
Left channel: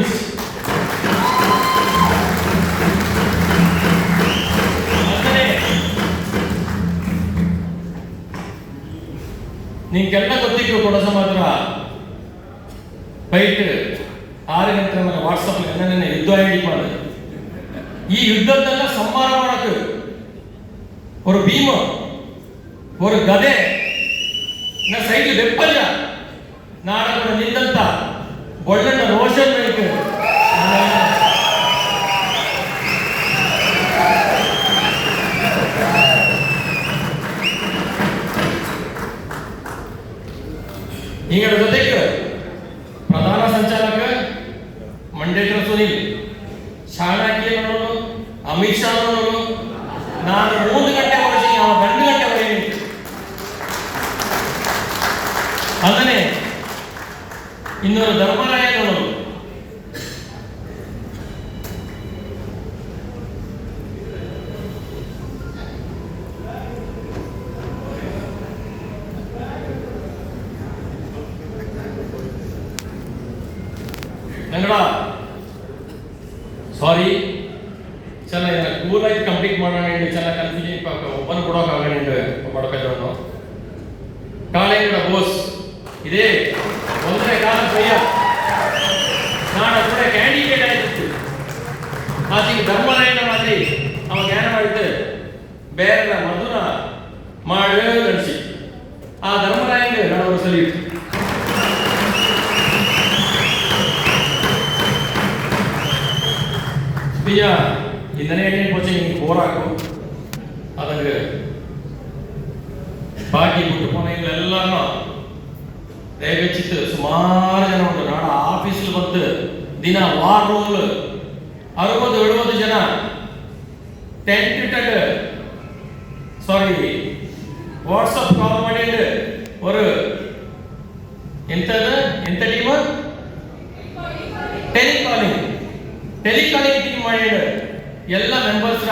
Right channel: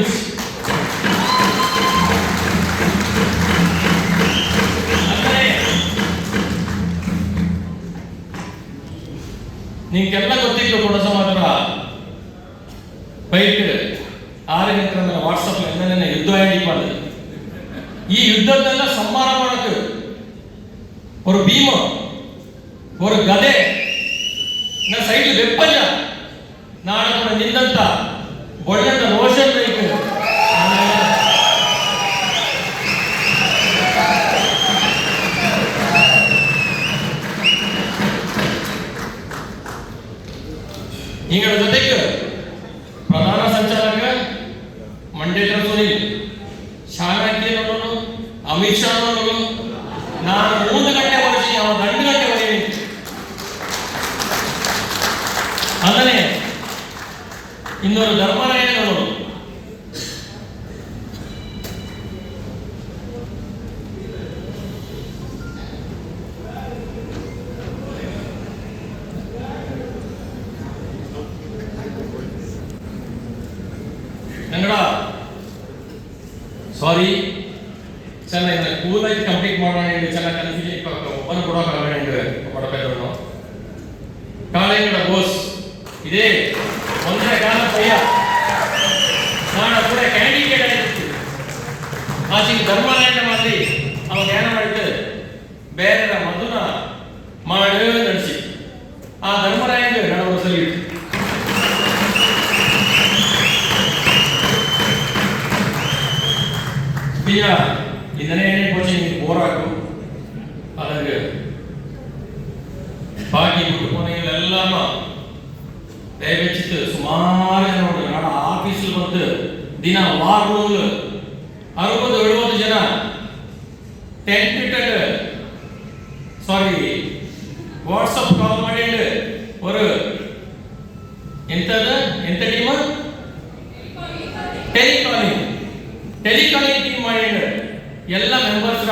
ನಿಮ್ಗೆಲ್ಲ ಗೊತ್ತಿತ್ತು ಕೂಡ ಸಮಾಚಾರ ಫೈಟ್ 6 ಗಂಟೆ ಮೇಲೆ ವಾಟ್ಸಪ್ ಏನೇನೇ ಯುದ್ಧ ಐಡಿ ಮಾಡಿದೆ ಈ ಯುದ್ಧದೆಲ್ಲ ಸಂಹಾರ ಮಾಡಕ್ಕೆ ஒரு ಭೀಮ ஒரு ಗದೆ ನಾ ಸೈಡ್ ಬೆಪ್ಪಲ್ಲ ನಾಡಕ ನಿಂದಂತ ಒಳ್ಳೆಂತ ರೋಷನ್ ಬೇಕು ಹಿಂಗಳ ಜೊತೆಗೆ ಪ್ರಧಾನ ಸಂಚಾಲಕ ಮಂಡೇಕರ ಸುನೀಲ್ ಶಾಣಾಕಿ ನೋಡೋನು ಅಮಿತ್ ಶಾ ನೋಡೋನು ನಾನು 3 ಗಂಟೆ ವರ್ಷ ಅವ 2 ಗಂಟೆ ವರೆಗೆ ಅದನ್ನೇ ಇನ್ನೊಂದು ಧರ್ಮರಾಯ ನೋಡೋನು ಸಾರಿ ಚೆನ್ನಾಗಿ ಕೂಲಾಗಿ ಕಂಪ್ಲೀಟ್ ಮಾಡೋಣ ಹೇಳಿ ಚೆನ್ನಾಗಿ ಕನ್ಫ್ಯೂಷನ್ ಒಬ್ಬನು ಕೊಡೋಕ್ಕಾಗಣ ಕೊಡಬೇಕವನು ಕಾಲೇಜಿನ ಬೋಸ್ ಇದೇ ಒಂದನೇ ಕಾಲ ಸೊಯ್ಯ ನಾನು ಕೂಡ ಕ್ಯಾಂಡಿಡೇಟ್ ಆಗಿತ್ತು ಆಚೆಗೆ ಧರ್ಮರಾಯನ ಮಾತಿ ಅವ ಜ್ಞಾನ ಮಾಡಿದ್ದು ಬೇರೆ ಮಧುನ ಮಾಡು ನಡೆಸಿ ಆ ಧರ್ಮರಾಯನ ಗಣವರು ಸರಿ பியா இதனே போச்சு நீங்க போராக்கும் அதுக்கு பாக்கி விட்டு போனீங்க எல்லாரும் ದಯವಿಟ್ಟು ಸುಮಾರು ಜನ ಉಂಟು ನಾಡ ಆಫೀಸಲ್ಲಿ ಬಂದು ದಿನ ವಾರ್ ರೂಮ್ 60-70 ಜನ ಟೆಂಟ್ ಇಟ್ಟು ಸಾರಿ ವಾಟ್ಸಪ್ ಕಾಲ್ ಮಾಡಿದ್ದು ஒரு ಎಂತ ಟೀಮ್ ಟೆಲಿಕಾಲಿಂಗ್ ಟೀಮ್ ಮಾಡಿದ್ದು ಎಲ್ಲ ಮೆಂಬರ್ಸ್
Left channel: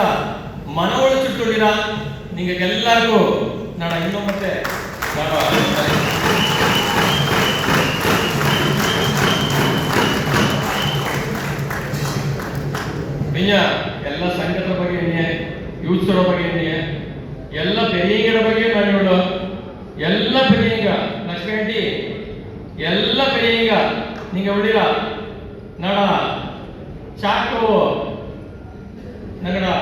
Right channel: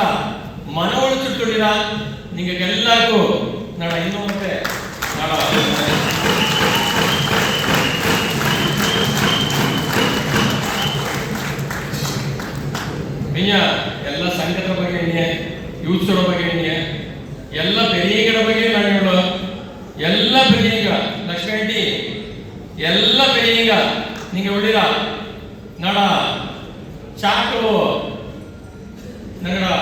ಮನವೊಳ ಚುಟ್ಟಿರ ನಿಮಗೆಲ್ಲರಿಗೂ ನಾಡ ಇನ್ನೂ ಮತ್ತೆ ನಾಡ ಎಲ್ಲ ಸಂಘದ ಬಗ್ಗೆ ಯೂತ್ಸ್ಗಳ ಬಗ್ಗೆ ಎಲ್ಲ பெரியಗಳ ಬಗ್ಗೆ ನಾನು ಎಲ್ಲ பெரியங்க ಲಕ್ಷ್ಮೀ ಎಲ್ಲ பெரியங்க நீங்க ಉಳಿರ ನಾಡ ಚಾಕು ನಗರ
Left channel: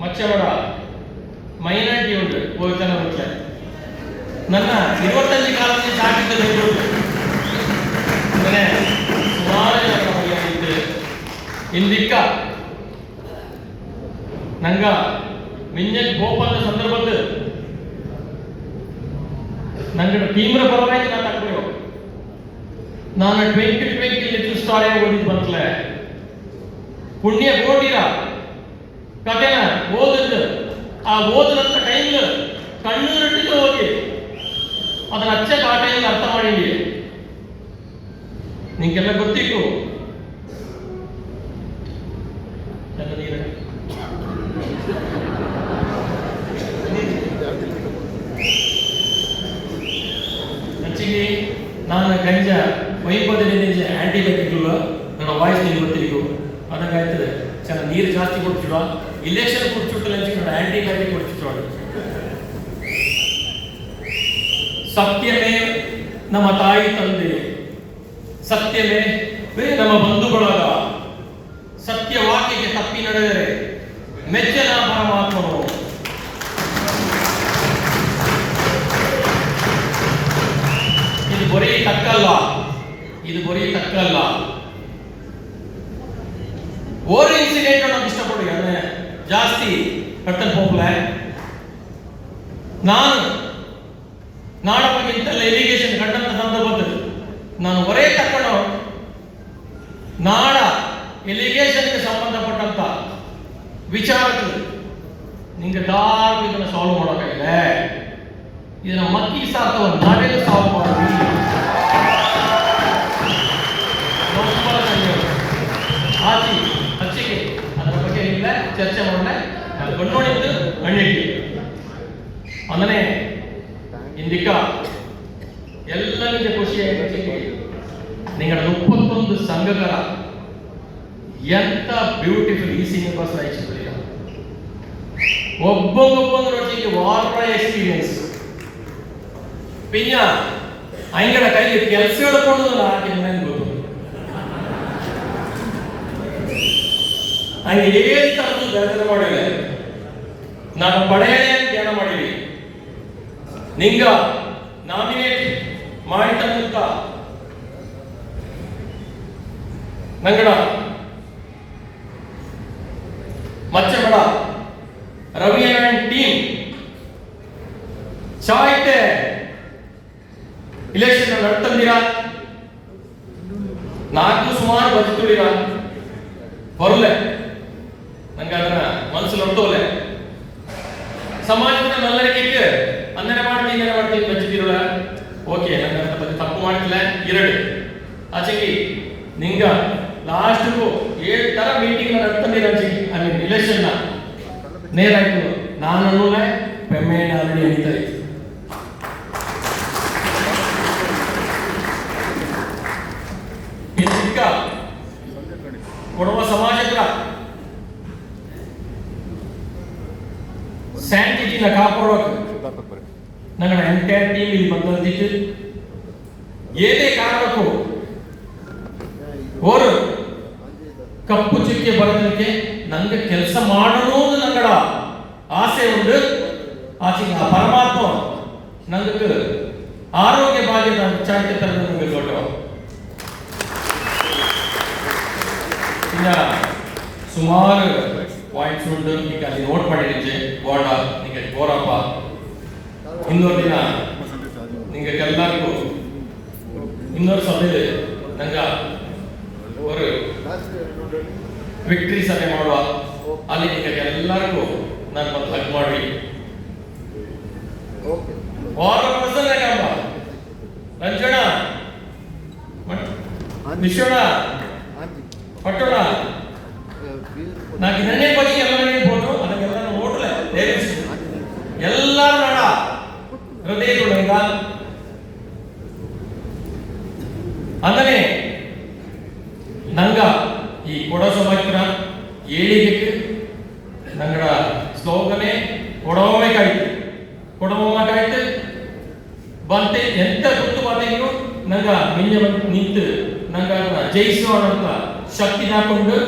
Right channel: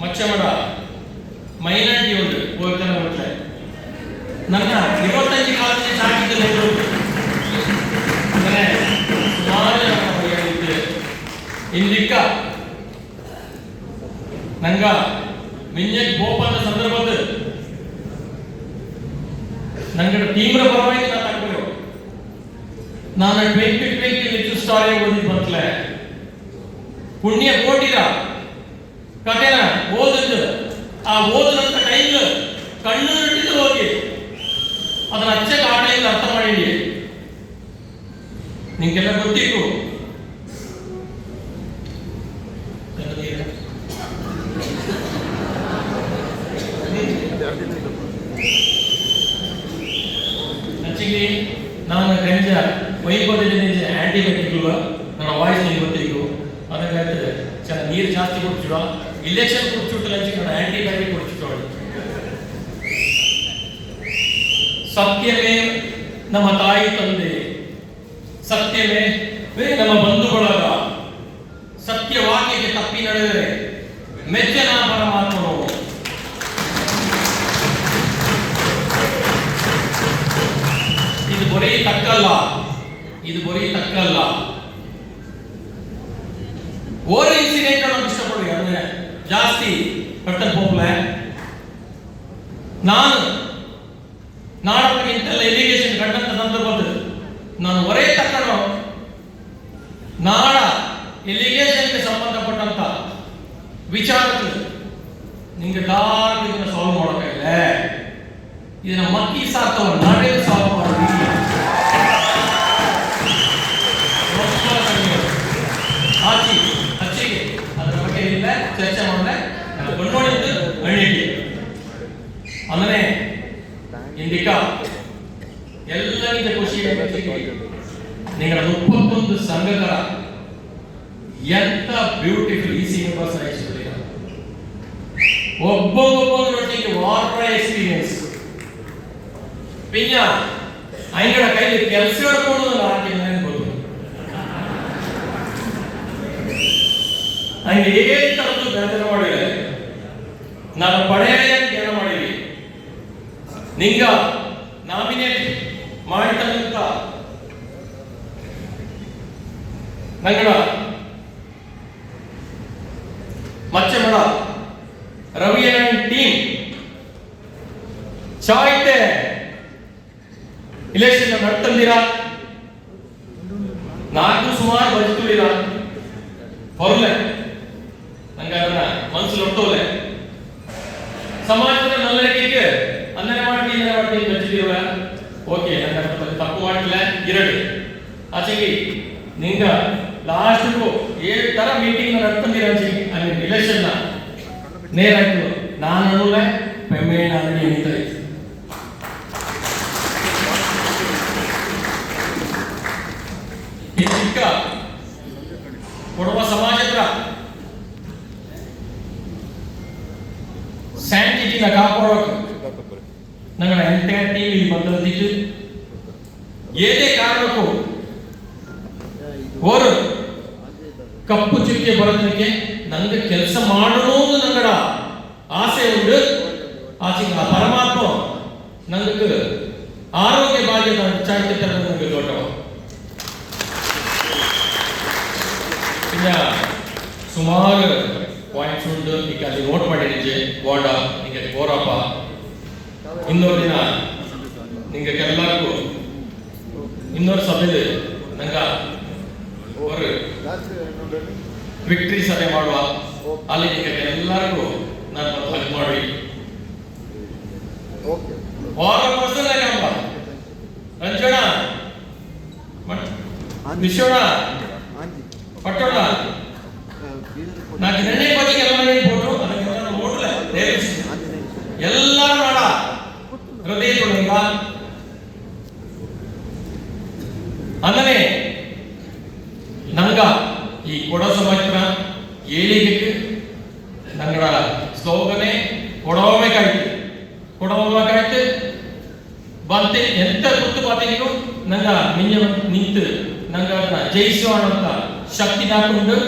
ಮಚ್ಚವಡ ಮೈನಾರಿಟಿ ಉಂಟು ಹೋಗ್ತಾನೆ ಹೋಗ್ತಾರೆ ನನ್ನ 25 ಕಾಲಕ್ಕೆ ಚಾಕಿದ್ದು ಸುಮಾರು ಜನ ಇಂದಿಕ್ಕ ನಂಗ ಮಿಂಜೆಕ್ ಗೋಪಾಲ ಸಂದರ್ಭದ ನಂಗಡ ತೀವ್ರ ಪರವಾಗಿ ಮಾತಾಡ್ಬೇಕು ನಾನು 2020 ಲಿಸ್ಟಾರೆ ಓದಿದ್ದು ಬರ್ತಲೆ ಪುಣ್ಯ ಕೋಟಿರ ಕಥೆನ ಓದಿದ್ದು ಆ ಓದಿದಂತ ಟೈಮ್ ಕಣ್ಣು ಬಿಟ್ಟು ಹೋಗಿ ಅದನ್ನ ಅಚ್ಚಕ್ಕೆ ಆ ಟೈಮ್ ಅರ್ಥ ಮಾಡಿದ್ವಿ ನಿಮ್ಗೆಲ್ಲ ಗೊತ್ತಿತ್ತು ಆಕ್ಚುಲಿ ನಾನು ಗಂಜ ವೈಪೋದಲ್ಲಿ ಆಂಟಿಬಯೋಟಿಕ್ಗಳು ನನ್ನ ವಾಯ್ಸ್ ನೀವು ಗೊತ್ತಿಗೂ ಅದಕ್ಕಾಯ್ತು ಚೆನ್ನಾಗಿ ನೀರು ಜಾಸ್ತಿ ಕೊಡ್ತಿಡ ಇಲೆಕ್ಷನ್ ಕೊಡ್ತಿಟ್ಟು ನನ್ನ ಆಂಟಿಬಯೋಟಿಕ್ ಕೊಡ್ತಿಟ್ಟೋಳು ಸತ್ಯವೇ ನಮ್ಮ ತಾಯಿ ತಂದೆ ಸತ್ಯವೇ ನಮ್ಮ ಬಂಧುಗಳಾದ ಸತ್ಯವಾಕ್ಯಕ್ಕೆ ತಪ್ಪಿ ನಡೆದರೆ ಮೆಚ್ಚನ ಪರಮಾತ್ಮನು ಇದು ಬರೀ ತಕ್ಕಲ್ಲ ಓರ್ ಇನ್ಸಿಡೆಂಟ್ ಅನ್ನೋದು ಇಷ್ಟಪಡಿ ಅಂದ್ರೆ ಜಾಸ್ತಿ ಕಟ್ಟಲ್ ಹೋಗ್ಲ ನಾನು ನಾಡಕ್ಕಿಂತ ಎಲಿಗೇಷನ್ ಕಂಡಂತ ಸಂದರ್ಭದಲ್ಲಿ ನಾನು ಒರೇ ತಕ್ಕಣೋ ನಾಡ ಎಲಿಗೇಷನ್ಗೆ ಸಂಬಂಧಪಟ್ಟಂತ ವಿಚಾರಗಳು ನಿಂಗೆ ದಾರಿ ಇದನ್ನು ಸಾಲ್ವ್ ಮಾಡೋಕ್ಕಾಗಿಲ್ಲ ಇದನ್ನ ಮಕ್ಕಿ ಸಾಕವ ನಾವೇ ಸಾಲ್ವ್ ಮಾಡಿ ಹಚ್ಚಿಗೆ ಅದರ ಬಗ್ಗೆ ಇಲ್ಲ ಚರ್ಚೆ ಮಾಡಿದ್ರೆ ಅದು ಕಂಡುಕೊಂಡಿದ್ದು ಹಣ್ಣಿಗೆ ಅಂದರೆ ಇಂದಿಕ ಎಲ್ಲರಿಗೆ ಖುಷಿಯಾಗಿ ನಿಗಳ 31 ಸಂಘಗಳ ಎಂತ ಬ್ಯೂಟಿಫುಲ್ ಈ ಸಿನಿಮಾಸ್ ಆಯಿತು ಒಬ್ಬೊಬ್ಬೊಬ್ಬೊಂದರೊಟ್ಟಿಗೆ ವಾರ ಎಕ್ಸ್ಪೀರಿಯನ್ಸ್ ಪಿನ್ನ ಅಂಗಡ ಕೈಲಿ ಕೆಲಸ ಹಿಡ್ಕೊಂಡು ಗೊತ್ತು ಹಂಗೆ ಏನ್ ತರದ್ದು ಬೆಳೆದು ಮಾಡಿಲ್ಲ ನಾನು ಪಡೆಯಲೇ ಜ್ಞಾನ ಮಾಡಿವಿ ನಿಂಗ ನಾಮಿನೇಟ್ ಮಾಡಿದಂತ ನಂಗಡ Machamada Ravi and team ಚಾಯ್ತೆ election ನಡ್ತಂದಿರ ನಾಲ್ಕು ಸುಮಾರು ಬದುಕುಳಿರ ಹೊರಲೆ ನಂಗೆ ಅದನ್ನ ಮನಸ್ಸಲ್ಲಿ ಹೊಟ್ಟೋಲೆ ಸಮಾಜದಲ್ಲಿ ನಲ್ಲರಿಗೆ ಅಂದರೆ ಮಾಡ್ತೀನಿ ಬಚ್ಚಿದ್ದೀರಲ್ಲ ಓಕೆ ನನ್ನ ತಪ್ಪು ಮಾಡಿಲ್ಲ 2 ಆಚೆಗೆ ನಿಂಗ ಲಾಸ್ಟ್ಗೂ 7 ತರ ಮೀಟಿಂಗ್ ನಡ್ತಂದಿರ ಇಲೆಕ್ಷನ್ ನೇರ ಆಯ್ತು ನಾನು ಪೆಮೇಣ ಅಂಗಡಿ ಎಣಿತಾರೆ ಈಗ ಕೊಡುವ ಸಮಾಜದ ಸ್ಯಾಂಟಿಟಿನ ಕಾಪಾಡೋಕೆ ನನ್ನ ಎಂಟೈರ್ ಟೀಮ್ ಇಲ್ಲಿ ಬಂದಿದ್ದು ಏನೇ ಕಾರಣಕ್ಕೂ ಅವರು ಕಪ್ಪು ಚುಕ್ಕೆ ಬರೋದಕ್ಕೆ ನನಗೆ ಕೆಲಸ ಮಾಡಣೋದು ನಂಗಡ ಆಸೆ ಉಂಟು ಆಚೆಗೆ ಆ ಪರಮಾತ್ಮ ನನಗೆ ಆರೋಗ್ಯ ಭಾಗ್ಯದ ಚಾಯ್ತೆ ತರ ನನಗೆ ದೊಡ್ಡ ಇನ್ನ ಸುಮಾರು ಪಾಯಿಂಟ್ಸ್ ಉಂಟು ಈಗ ಅಲ್ಲಿ ನೋಟ್ ಮಾಡಿದ್ದೆ ಗೋಡ ಈಗ ಗೋರಪ್ಪ ಇನ್ನೊಂದು ದಿನ ನಿಂಗೆ ಎಲ್ಲರಿಗೂ ಇನ್ನೊಂದು ಸಭೆಯಲ್ಲಿ ನಂಗ ಅವರು ವಿಕ್ಟ್ರಿ ಸಭೆ ಮಾಡುವ ಅಲ್ಲಿ ನಿಮಗೆ ಎಲ್ಲರಿಗೂ ನಾನು ಮತ್ತೆ ಹಗ್ ಮಾಡಿ ರಂಜೋಣ ವಿಶ್ವಣ ಪಟ್ಟೋಣ ನಾನು ನೆನ್ನೆ ಕೊಟ್ಟಿಗೆ ಎಲ್ಲ ಹೇಳ್ಬೋದು ಅದನ್ನೆಲ್ಲ ನೋಡ್ಲೆ ಎಲ್ಲರೂ ನಾಡ ಹೃದಯಗಳು ಹೆಂಗ ಅಂದರೆ ನಂಗ ಈ ಕೊಡ ಸಮಾಜನ ಏಳಿಗೆ ನಂಗಡ ಸ್ಲೋಗನೆ ಕೊಡಬೇಕಾಯ್ತು ಬಂತೆ ಎಂತ ಗೊತ್ತು ಬಾತೆಗೂ ನಂಗ ಮಿಂಜ ನಿಂತು ನಂಗ ಜಯಿಸೋಣ ಅಂತ ಶಕ್ತಿ ಹಾಕೊಂಡು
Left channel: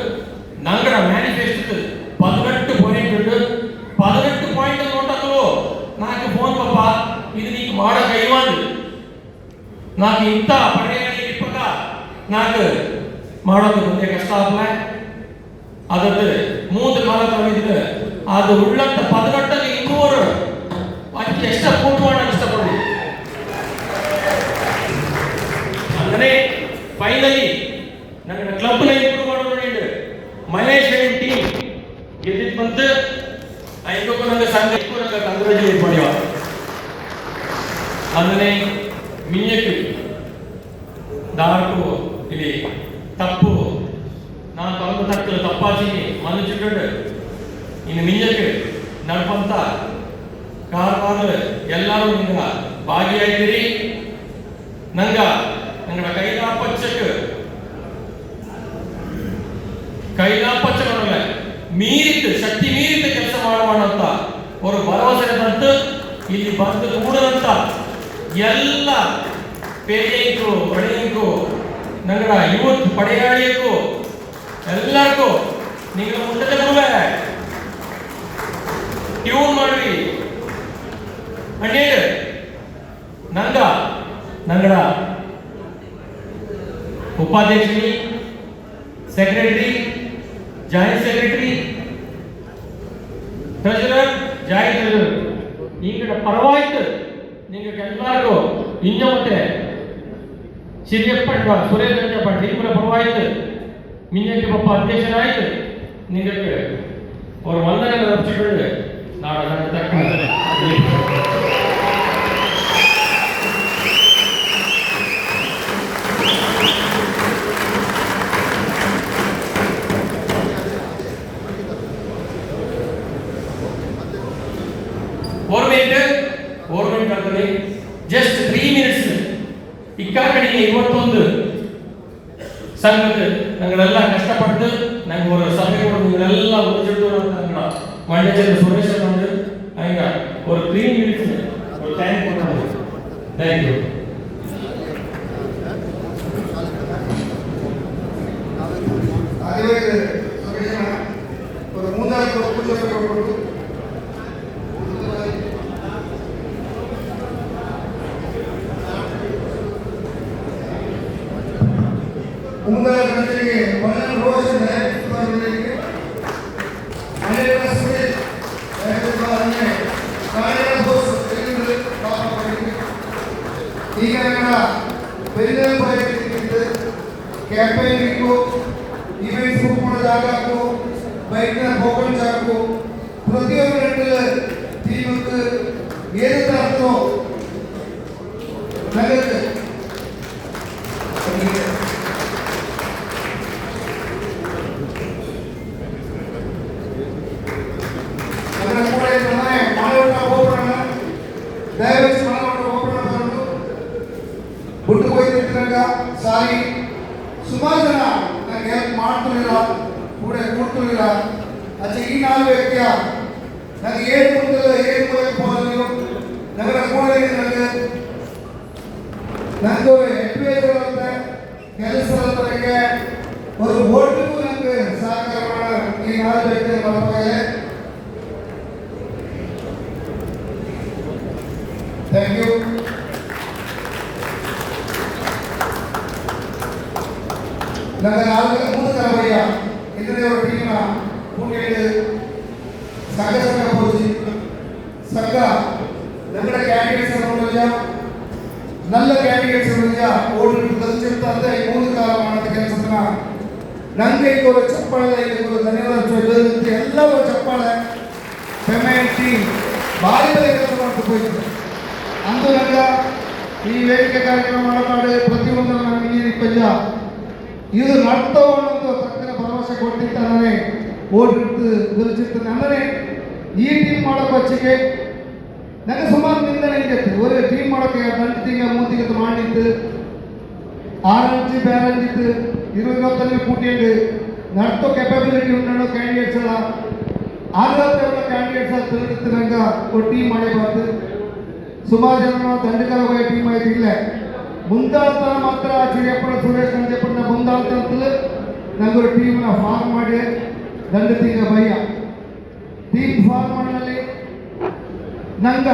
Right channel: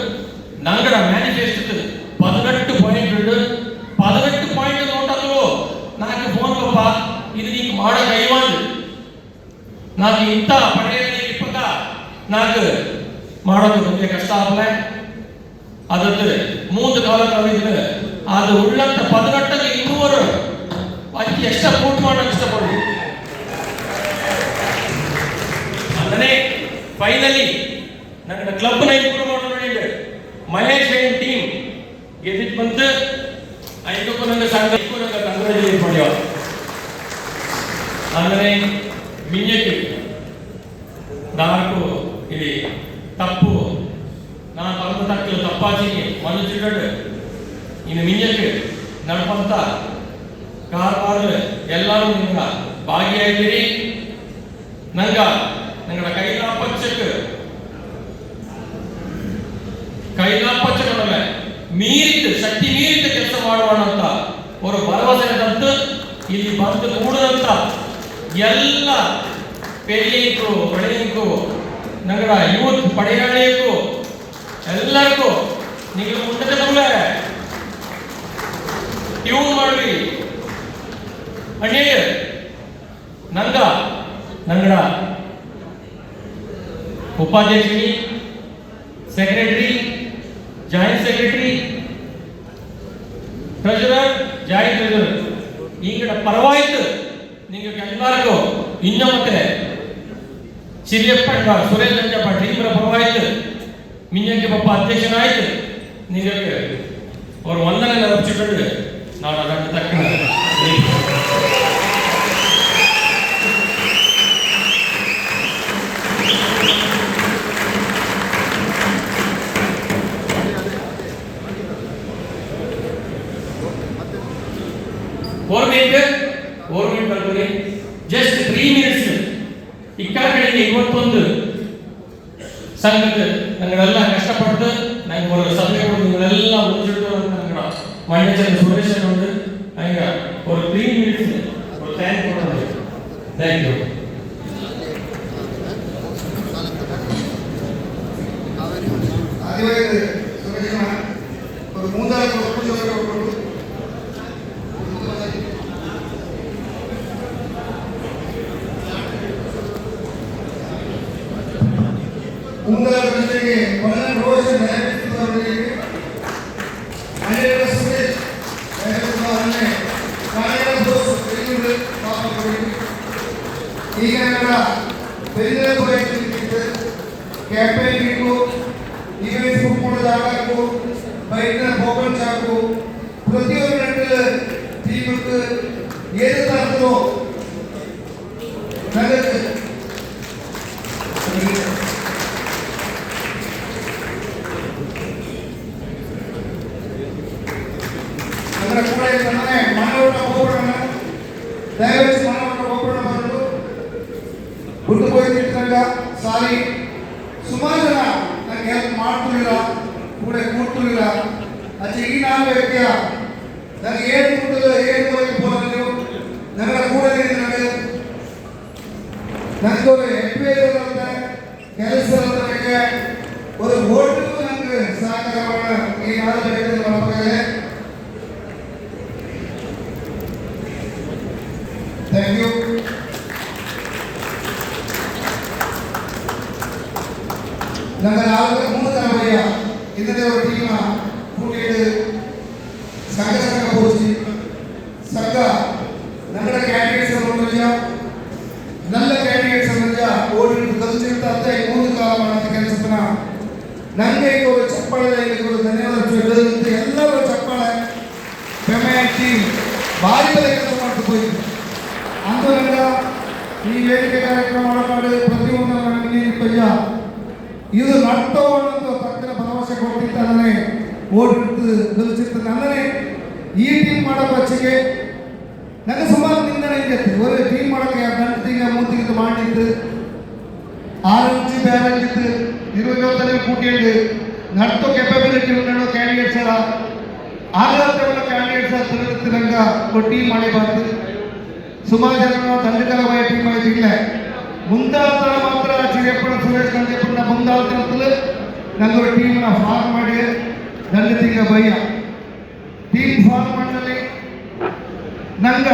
ನಂಗಡ ಮ್ಯಾನಿಫೆಸ್ಟೋ 18 ಪಾಯಿಂಟ್ ಉಂಟು 18 ಪಾಯಿಂಟ್ ನೋಟಲು నాకు ಫೋನ್ ಪಪ್ಪ ಇದು ನೀನು ಮಾಡೋ ಕೈವಾಂದು నాకు ಇಂತ ಪಡೆಯಲ್ಲಿ ಇಪ್ಪತ್ತ నాకు ಮಾಡೋದು ನಮಗೆ ಕಷ್ಟ ಆಗಲ್ಲ ಅದದ್ದು 3 ಕಾಲ ಬಂದಿದ್ದು ಅದು ಉಳ್ಳಂತ 18 ಇನ್ನೂರು ಅದಕ್ಕೆ ಎಷ್ಟು ಫೋಟೋ ಮಾಡೋದು ಇಷ್ಟಪಡ್ಬೋದು ಅಂದರೆ ಫೈನಲಿ ನನ್ನ ಕ್ಲಬ್ನ ಇಂಪ್ರೂವ್ ಮಾಡೋದು ನೋಡಿ ಮಹೇಶ್ ಟೀಮ್ ಗೆದ್ದಿದ್ದು ಬಂತು ಐದಕ್ಕೂ ನಂಗೆ ಸಂಘ ನಂಗೆ ಕಂಗ್ರಾಚುಲೇಟ್ ಮಾಡ್ಯೋ ಅಂದರೆ ಮಿಂಜಕ್ಕೆ ನಾಲ್ಕು ಇಲ್ಲಿ ತಪ್ಪು ನಾನು ಬಂದ ತಕ್ಕಲು ತಪ್ಪಾಚಿಗೆ ಮನುಷ್ಯಗಳು ಇನ್ನು ಮಿಂಜಕ್ಕೆ ನಡ್ಪಂತ ಕಾರವಾರ ಎಲ್ಲರೂ ನಿಮ್ಗೆ ಭಾಗಿಯಾಗಿರಿ ഞങ്ങളുടെ ಕೈಲಾಪಚ್ಚನವಲ್ಲ ಮೀರಿಟ್ಟು ಶಕ್ತಿ ಮೀರಿಟ್ಟು ಕೆಲಸ ಮಾಡುವಂತ ಒಂದು ಭರವಸೆ ತಂತು ಇಲ್ಲಿ ಬಂದು ಕೂಡದಂತ ಎಲ್ಲ ಪೆರಿಯಂಕು ಹೊಳೆಯಂಕು ನಂಗಡ ಯೂತ್ ಪಡೆಯಾಳಿಯಂಕು ಎಲ್ಲರಿಗೂ ನೀವು ಮುಂದೆ ಕೂಡ ಟ್ಯೂನ್ ಮಾಡ್ರಿ ಅಣ್ಣೇಳು ನಂಗಡ ಉಪಾಧ್ಯಕ್ಷಿ secretary joint secretary treasurer joint treasurer ಈಗಡ ಪರವಾಯ್ತು ನಿಮಗೆ ಎಲ್ಲರಿಗೂ ಇನ್ನೂ ಮತ್ತೆ ಸಿರಿಯಪ್ಪ ಸುರೇಶ್ ಅಂಜಪ್ಪ ಈಗಡ ಪರವಾಯ್ತು ಮಿಂಜಕ್ಕೆ ಪಪ್ಪ ಅಧ್ಯಕ್ಷನಾಯ್ತು ನಿಮಗೆ ಅವ್ರ ವಂದನೆ ರಚಿಕೊಂಡು ನಾವು ಅದನ್ನು ತಕ್ಕ ಗೌರ್ಮೆಂಟ್ ಕಂಪನಿ ಜಸ್ಟ್ 3 minutes ಇಕ್ಕಾಕಡೆಗೆ 21 ಸಂಘದ ನಂಗಳೆಲ್ಲ ಕಷ್ಟಪಟ್ಟು ನಂಗೆ ಒಂದು ಸಭೆ ಕೊಡು ನಿಗಳೆಲ್ಲ ಮುಂಚಿಟ್ಟು ನಂಗಳ ಮಂಡ್ಯ ಸುರೇಶ್ ಒಂದು ಹಂಗ ಒಂದು 3 minutes ஒரு டைம் ಕೊಡೋಣ ಥ್ಯಾಂಕ್ ಯು ஒரு மூன்றாவது பூஜை கொடுக்கணும் மூன்றாவது கமிட்டிக்கு மன்னன் ரோஷன் அவர்களுக்கு மன்னர் சுரேஷ் அவர்களுக்கு காலையில போஸ்ட் தெரிந்து பார்க்கப்படுகிறது ಈಗ ನನ್ನ ಬೆರಿನ ಬೈಕ್ ಕ್ಯಾಂಪೇನಿಂಗ್ ಈವೆಂಟ್ಸ್ ಹೋಗೋ ಜಾಗಕ್ಕೂ ಬೈಕ್ನ ಹೋಗೋ ಜಾಗಕ್ಕೂ ಪ್ರತಿಯೊಂದು ಟೀಮ್ಗೆ ಏನು ತರದೋ ನಗದು ಅದರ ಕೂಡ ಮಾನವನ ಹೋಗೋಣ ದಯವಿಟ್ಟು ಮಾನವನ ಹೋಗೋಣ ಬರಲು ಬಿಟ್ಟು ಹೋಯ್ತಿದ್ದಾಗ ಸಾರಿ ಸುಮಾರು ಜನ ನನಗೆ ಹೆಲ್ಪ್ ಮಾಡ್ತಿರಲಿಲ್ಲ ಕೂಡ ಕೂಡ್ತಿರಲಿಲ್ಲ ಅಚ್ಚೆ ಈ ನಾಲ್ಕು ವ್ಯಕ್ತಿಯ ನನಗೆ ಏನು ಗೊತ್ತಿಲ್ಲ ಏನು ಹೋಗಲಿಲ್ಲ ನನಗೆ ಕೂಡ ನನಗೆ ನಂದು ಎಫ್ಐಆರ್ ಕೆಲಸದವರಿಗೆ ஒரு ஓட்டுக்கு நமக்கு சாகரமான ಈ ನಾಲ್ಕು ವ್ಯಕ್ತಿಗಳು ನಮಗೆ ಥ್ಯಾಂಕ್ ಯು நாங்கள் நாலு மூணு தலைமையா இதே ஒரு டீமா கூட்டிட்டு சங்க போச்சு சங்க நல்ல கேண்டிடேட்ஸ் ನೋಡಿದ್ಯಾ நல்ல கேண்டிடேட்ஸ் ನೋಡಿದ್ಯಾ ಓಡಿ ಕಲಿಸಿರ್ತಾರೆ ಮೂರು ಕಾಲ ಮಾಡಿದ ಕೆಲಸನ ನನಗೆ ಈಗ ಒಂದು ಚಪ್ಪಾಳೆ ಈಗ ಒಂದು ಧನ್ಯವಾದ ಹೇಳುತ್ತೆ ಎಲ್ಲರೂ ಚಪ್ಪಾಳೆ ಪೇಮೆಂಟ್ ಟೀಮ್ ಭಾರಿ ಕೆಲಸ ಮಾಡ್ತಾ ಹೋಗಿದ್ರು ಅಂದು ನನಗೆ ಈ ವೇದಿಕೆ ಕಾರ್ಯಕ್ರಮ ಮಾಡಿ ಪ್ರತಿಯೊಂದು ನನಗೆ ಪಯ್ಯ ಇದು ನಡ್ತವನ್ನೊಂದು ತಕ್ಷಣ ಭರವಸೆ ಕೊಟ್ಟಿದ್ದಾನೆ ಓಡಿಟ್ಟು ಗೆಲ್ಲಿಸಿತ್ತು ಅಂದರೆ ಈ ಟೀಮ್ ಮಾಡೋ ಪಕ್ಷಿಗೆ ನನಗೆ ಸುಮಾರು ನಿಂದನೆ ಇತ್ತು ಒಂದು ಟೀಮ್ ಮಾಡೋಕ್ಕೆ ಗಂಟು ತಿಂಗ ಮೂತಿಗೆ ಮಾಡಿದ್ದು 6 ಇಂಚು ಬ್ಯಾರಲ್ ಇತ್ತು 20 ಕೂಟಿದ್ದು ನಡ್ತೋ ಕೆಪಾಬಿಲಿಟಿ ಉಂಟು ಕ್ಯಾಂಡಿಡೇಟ್ಸ್ ಎಲ್ಲ ಆಗ ಕ್ಯಾಂಡಿಡೇಟ್ಸ್ ತಿಳಿದಂಗ ಒಂದು ಟೀಮ್ ಮಾಡಿ ಬಂತು ಸುಮಾರು ಜನ ದಂಡಕರವಾದ ಟೀಮ್ ಆಗಿಲ್ಲ ಮುಂದಾಳ್ತಾನೆ ಮಾತ್ರ ಚಿರಪ್ಪನ ಸುರೇಶ್ ಕಂಜಪ್ಪನ ಮುಂದಾಳ್ತಾನೆ ನಂಗೊಂದು ಟೀಮ್ನ ಫಾರ್ಮ್ ಮಾಡಿ ದಂಡ ತಿಂಗ ಭಯ ಟೀಮ್ ಫಾರ್ಮ್ ಮಾಡಲಿ ನಂಗ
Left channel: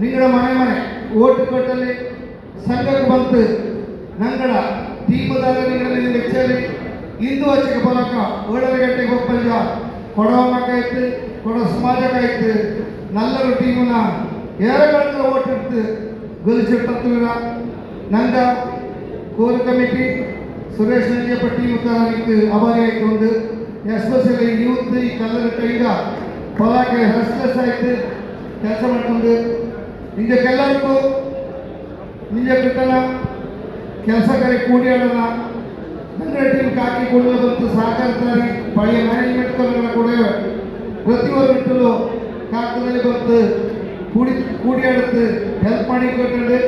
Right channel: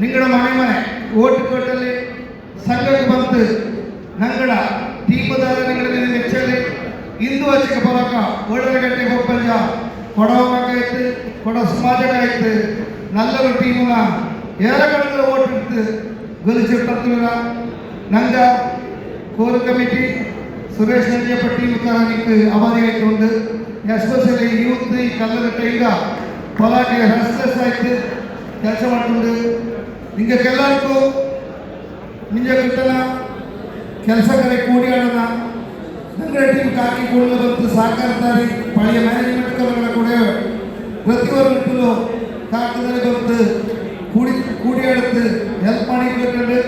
ನಿಂಗಡ ಮನೆ ಓಟ್ ಕೊಟ್ಟಲ್ಲಿ ಸಂಘಕ್ಕೆ ಬಂತು ನಂಗಡ ಟೀಮದಾಗ ನಿಂಗಡ ಹೆಚ್ಚಲಿ ಇಂದು ಹಚ್ಚಿಗೆ ಬರೋಕ 7 ಗಂಟೆಗೆ ಹೋಗ್ಬಂದ ಕೊಡೋಮಕ್ಕಾಯ್ತು ಕೊಡೋ ಸಮಾಜಕ್ಕಾಯ್ತು ನಲ್ಲರು ಟೀಮ್ನ 2 ಗಂಟೆ ಓಟ್ ಇಟ್ಟು ಗೆಲ್ಲಿಸಿರ್ತೀರ ನಂದ core committee Suresh Nanjappa team ತರನಿಕ್ಕೆ ಅವರೇ ಆಯ್ತು ಎಸ್ಪೆಷಲಿ ಯೂತ್ ಈ ಕಲ್ಲದ ಕೈಗ ಹೊಲಕ್ಕೆ ರಸ್ತೆಸ್ ಆಯ್ತು ಕೆಲಸ ಮಾಡ್ಕೊಂಡು ಹಿಂಗೆ ಎಲ್ಲರಿಗೂ ನಿಂಗೆ ಬಿಟ್ಟನ ಕೆಲಸ ಕಡೆ ಕೂಡಿ ಆಡೋಣ ನನ್ನ ಟೀಮ್ ಹಾಕಿಕೊಂಡು ಬಂತು ಸಹಕಾರಿದ್ದಾರೆ ಪಳೆಯ ಮ್ಯಾನೇಜ್ಮೆಂಟ್ ಕಲಗಳ ಕೂಡ ಪ್ರತಿಯೊಂದು ಕಾಕದಲ್ಲಿ ಬಂತು ಕೂಡಿ ಆಡುತ್ತೆ ಹೆಲ್ಪ್ ಮಾಡಿ ಕೊಟ್ಟಂಡು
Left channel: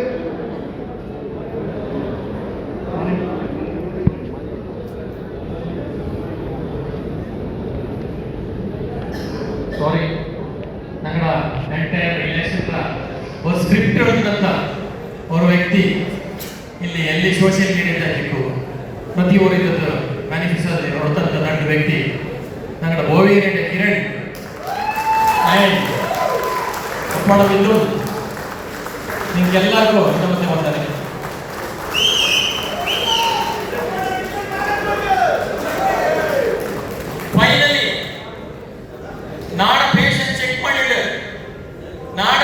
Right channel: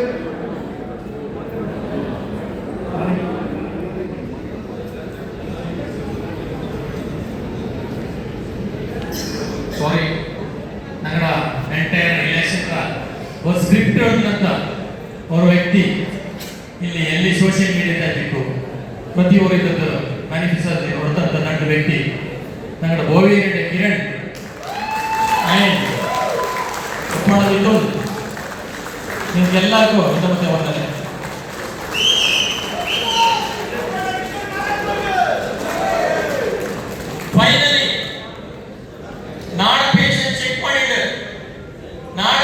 ಸ್ಕ್ರಿಪ್ಟ್ ಹೇಳಿದಂತ ಅವರ ವ್ಯಕ್ತಿ ಇಲ್ಲಿ ಎಲ್ಲಿ ಸೋಷಿಯಲ್ ಮೀಡಿಯಾ ಬಿಟ್ಟು ಪ್ರತಿಯೊಬ್ಬರು ಇದ್ದದ್ದು ಮ್ಯಾನಿಫೆಸ್ಟೋ ಹೊರತಂತ ನನ್ನ ವ್ಯಕ್ತಿ ನನ್ನ ಬೋವಿಯರಿಗೆ ಕಿರಣ್ ಆ್ಯಂಡ್ ಮಾಡೋದಿದ್ದು ನಿಮ್ಗೆಲ್ಲರಿಗೂ ಮತ್ತೆ ಬಂದರೆ ಫೈನಲಿ ನಾಡ ಪೇಷಂಟ್ ಚೆಕ್ ಮಾಡಿದ್ರೆ ನಾಡ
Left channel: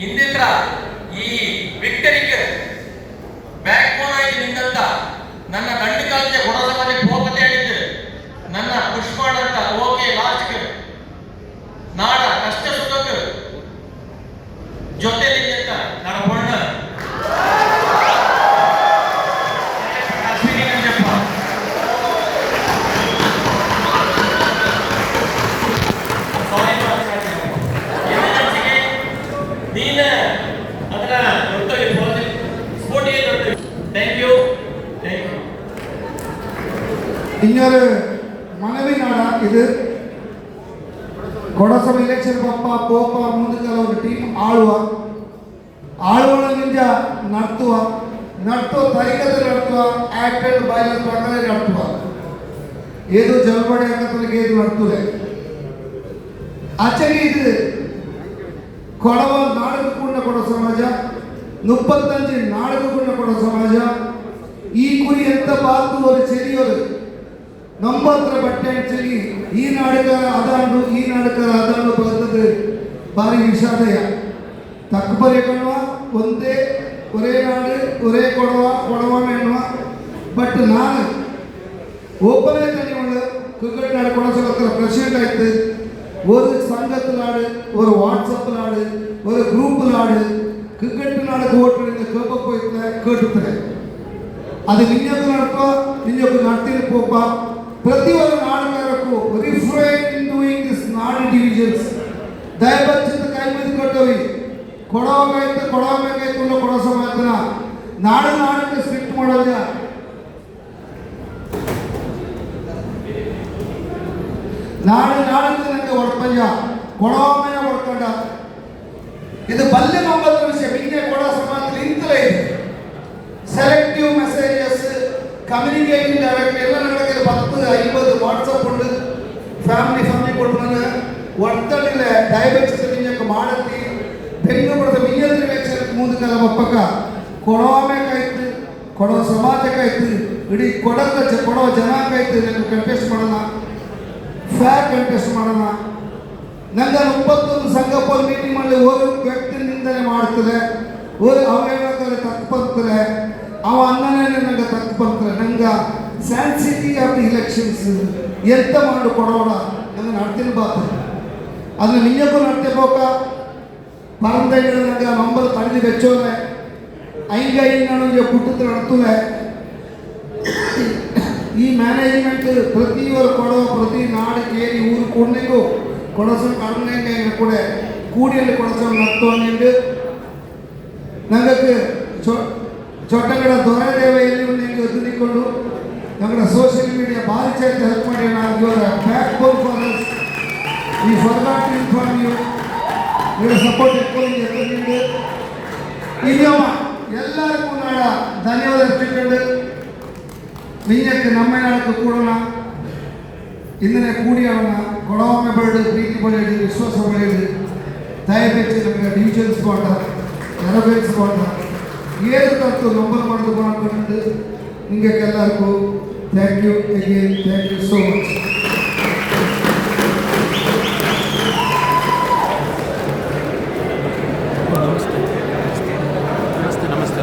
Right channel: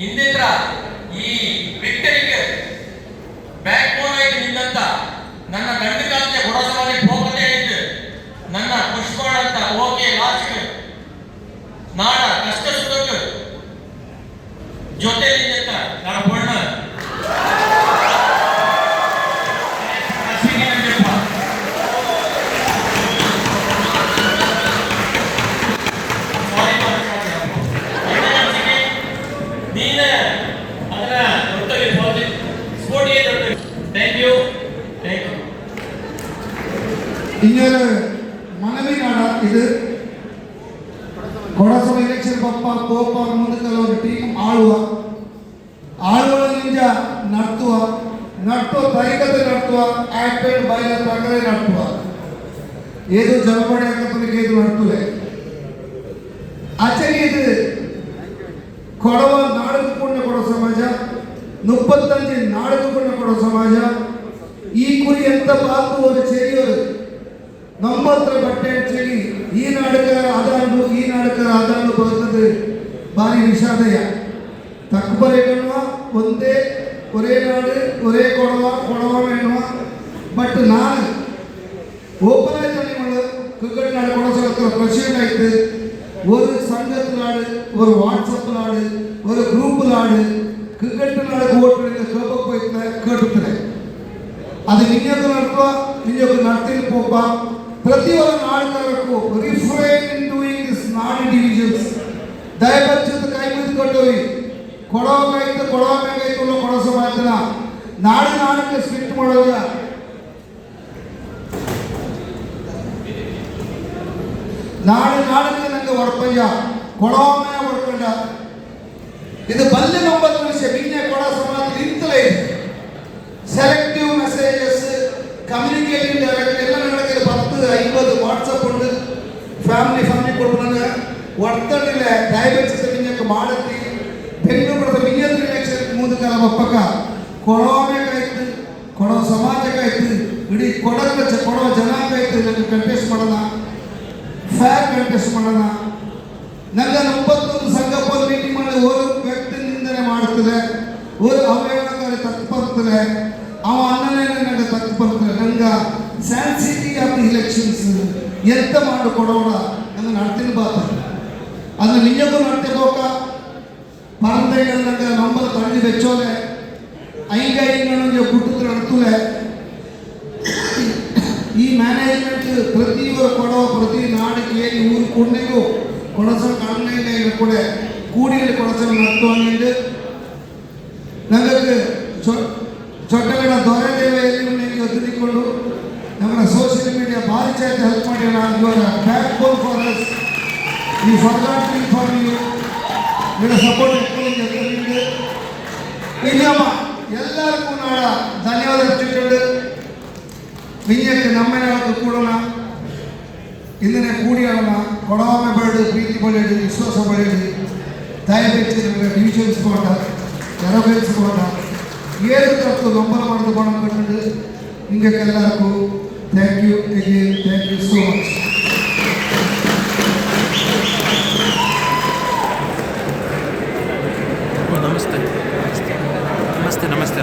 ಹಿಂದಿದ್ರ ಈ ವಿಕ್ಟರಿಗೆ ಬ್ಯಾಕ್ ಬೋನ್ ಆಗಿ ನಿಂತ ನನ್ನ ಗಂಡು ಕಾಲದ ಗುಡ ಸಮಾಜಕ್ಕೆ ಹೋಗದೆ ಹೇಳಿದ್ದು ನನ್ನ ಪುಷ್ ಮಾಡಂತ ಓಕೆ ಲಾಸ್ಟ್ ನಾಡ ಕಷ್ಟ ಸುಖಕ್ಕೆ ಜೊತೆ ನಿಂತ ನನ್ನ ಪೂರ್ಣ இன்னொரு மனைவி நாடா இது கொடசொல எலெக்ஷன் பப்பா போப்பா ಮುಂದಕ್ಕೆ ஒரு ಟೀಮ್ ಆಳುವನಿಂದ ನಡ್ತುವ ತರೀಕದಲ್ಲಿ ನಡ್ತುವ ಆಕ್ಟೆಡ್ ಬಾಯ್ಲರ್ ಪ್ರಕಾರ ನಡ್ತುವ ಏದು ಜಲಪಡೆ ಹಾಕಲಿಕ್ಕೆ ಇದು ನಡ್ತುವೆ ಆಚೆಗೆ ಇದು ಕೊಡವ ನಾಡಿಗೆ ಕೂಡ ಕೊಡೋ ಸಮಾಜ 35 ನಾಡಿಗೆ ಕೂಡ ಕೊಡೋ ಸಮಾಜ ಈ ಕುರಿ ಎಂತ ಬಾತು ಒಂದು ಚೆರಿಯೋರು ನಂಬತ್ರ ಬಟ್ಟೆ ಚೆರಿ ಈ ನಾಡಕ ಅದಾಂಡು ಬರ್ತದೆ ಭಾರಿ ವಿಷಾದಯ ತಕ್ಕಬಲೆಗಣ್ಣುವ ಒಂದೇ ஒரே நாடு ஒரே கொடவா வேணுமா பட் நான் ஓப்பனாக சொல்லி கிரிக்கெட் நாடு கூட சொல்ல பிரசிடென்ட் ஆயிட்டு ஒரு சங்கத்தில் ஆடு ஒரு வாட்ஸ்அப்பில் ஆடு ஒரு குரூப்பில் ஆடு கிரிக்கெட் நாடுக்கு ஓட்டு கேட்க போயிட்டு கேட்டுக்கிறேன் ಅದು ನಿಜಕ್ಕೂ ನಡ್ತೀನಿ ಪೋಪ ಪ್ರತಿಯೊಂದು ನಾಡುಗಾರಕ್ಕೂ ರಿಫ್ರೈನ್ ಇನ್ ಡೂಯಿಂಗ್ ದಿಸ್ ನಾಡಿ ಡಿವಿಷನ್ಸ್ ದಯಬಚ್ಚಿದ ಕೈ ಮುದ್ದು ಕೊಟ್ಟವಿ ಕೊಡೋ ಮ್ಯಾಗೈತು ಕೊಡೋ ಸಮಾಜನ ನಾಡಕ್ಕೆ ಸ್ಟ್ರಿಕ್ಟ್ ಮಾಡೋದ ನಾಡಿಗೆ ನನಗೆ ಹೊಡ್ಪಯ್ಯ ಕೊಡೋ ಮ್ಯಾಗ ಹೊಡ್ಕೊಂಡ ಇದು ಬಲ್ಲೆ 9 ನಿಮಿಷ ಬಿನ್ನೆ ಕೊಡೋ ಸಮಾಜ ಇಂತಲೇ ಇದೆ സെലക്റ്റീവ് മെസ്സേജസ് കമ്മ്യൂണിക്കേറ്റിംഗ് ഡയറക്റ്റ് എല്ലാം നടക്കില്ല 10-50 വാട്സപ്പ് ഉണ്ട് ಫ್ಯಾಮಿಲಿ ಕೊಡ್ತಾರೆ ಒತ್ತಡಿಲ್ಲ ಡಯಾಬಿಟಿಸ್ ನಿಂಗೆ ಮಾಡತ್ತಿ ಬೆಂಗಳೂರು ವಿದ್ಯಾರ್ಥಿ ಎಲೆಕ್ಷನ್ ಮುಂದಕ್ಕೆ ಒಪ್ಪಕ್ಕ ಕೊಡೋಬೇಕಾಯ್ತು ಕೊಡೋ ಸಮಾಜಕ್ಕಾಯ್ತು ಇಡೀ ಕೊಡೋ ಜನಾಂಗಾಯ್ತು ನನಗೆ ಕಂಟೆಸ್ಟ್ ಮಾಡೋಣ ಫೇರ್ ಕಂಟೆಸ್ಟ್ ಮಾಡೋಣ ನನಗೆ 30 ಸಂಘಪ್ಪ ಮೀಟಿಂಗ್ ಮಾಡಿ ಒಂದು ವ್ಯಕ್ತಿ ನಿಂದನೆ ಮಾಡ್ತದೆ ಒಂದು ಅವಘಡಕಾರಿ ತಪ್ಪು ಬರ್ತದೆ ಅವ ಅನ್ನನೇ ನನಗೆ ತಪ್ಪು ಬರ್ತದೆ ನನಗೆ ಸ್ಯಾನ್ಸಿಟಿ ಆಫ್ ದಿ ಇಲೆಕ್ಷನ್ಸ್ ಎಂತ ಮಾಡಿ ಕೊಡೋಣ ನನಗೆ ನಡ್ತೀನಿ ಬಾತದೆ ಅದನ್ನು ನಿಜಕ್ಕೂ ನಡ್ತಿರ್ಬೇಕ ಪರಂಪರೆಗಳ ನನಗೆ ನಂಬರ್ ತಡೆದು ಬೆಚ್ಚೋಲೆ ಐಗೈ ನನಗೆ ಕುಟುಂಬ ನಡ್ತಲೆ ಈ ಮ್ಯಾನೇಜ್ಮೆಂಟ್ ಪ್ರತಿಯೊಂದು ಕೊಡೋ ಪ್ರತಿ ನಾಡಿಗೆ ಊರು ಕೊಂಡಿಗೂ ಕೊಡಸ ಕಡಿಮೆ ಕೂಡ ಕೂಡಿಯಲ್ಲಿ ಕೊಡಸ ನಡ್ತು ನನಗೆ ಚೊಟ್ಟಗಳ ದೊರೆದೇವೆಯಲ್ಲಿ ನಿಮಗೆ ತಿಳ್ಕೊಂಡು ನಮ್ಮ ಸೋಷಿಯಲ್ ಮೀಡಿಯಾ ಭಾರಿ ಚೆನ್ನಾಗಿ ಹೆಲ್ಪ್ ಮಾಡಿ ಇವಾಗ ಬ್ಯಾಕ್ ಬೋನ್ ಫಾರ್ ಅಸ್ ಈ ಫರ್ಗಾಟ್ ಟು ಇನ್ಫಾರ್ಮ್ ಯು ಇವರ ಸಪೋರ್ಟ್ ಎತ್ಕೊಂಡು ಇನ್ನೊಮ್ಮ ಎಲ್ಲರಿಗೂ ನಾಡ ಧನ್ಯವಾದ ಅರ್ಪಿಸಿಕೊಂಡು ವಿನ್ಯಕ್ಕೆ ನಮ್ಮ ನಾಳಕ್ಕೆ ಕೂಡೋಣ ಇಂದನೇ ಕೂಡಿ ಆಡೋಣ ಕೊಡವೊಮ್ಮೆ ಬರಡು ಪ್ರೀತಿ ಬರೆಯಲಿ ವಿಶ್ವಾಸ ಬರೆಯಲಿ ದಯವಿಟ್ಟು ಡಿವಿಷನ್ಸ್ಕೊಂಡ ನೆರವೇರಿಸಿಕೊಂಡ ಏನು ತರ್ತು ನಂಬರ್ ಮಾಡಿಕೊಂಡು ನಿಮಗೆ ಎಲ್ಲರಿಗೂ thank you again thank you so much. ನಮಸ್ತೆ ನಮಸ್ತೆ ನಮಸ್ತೆ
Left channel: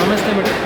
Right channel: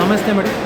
ನಮಸ್ತೆ ಮೇಡಮ್.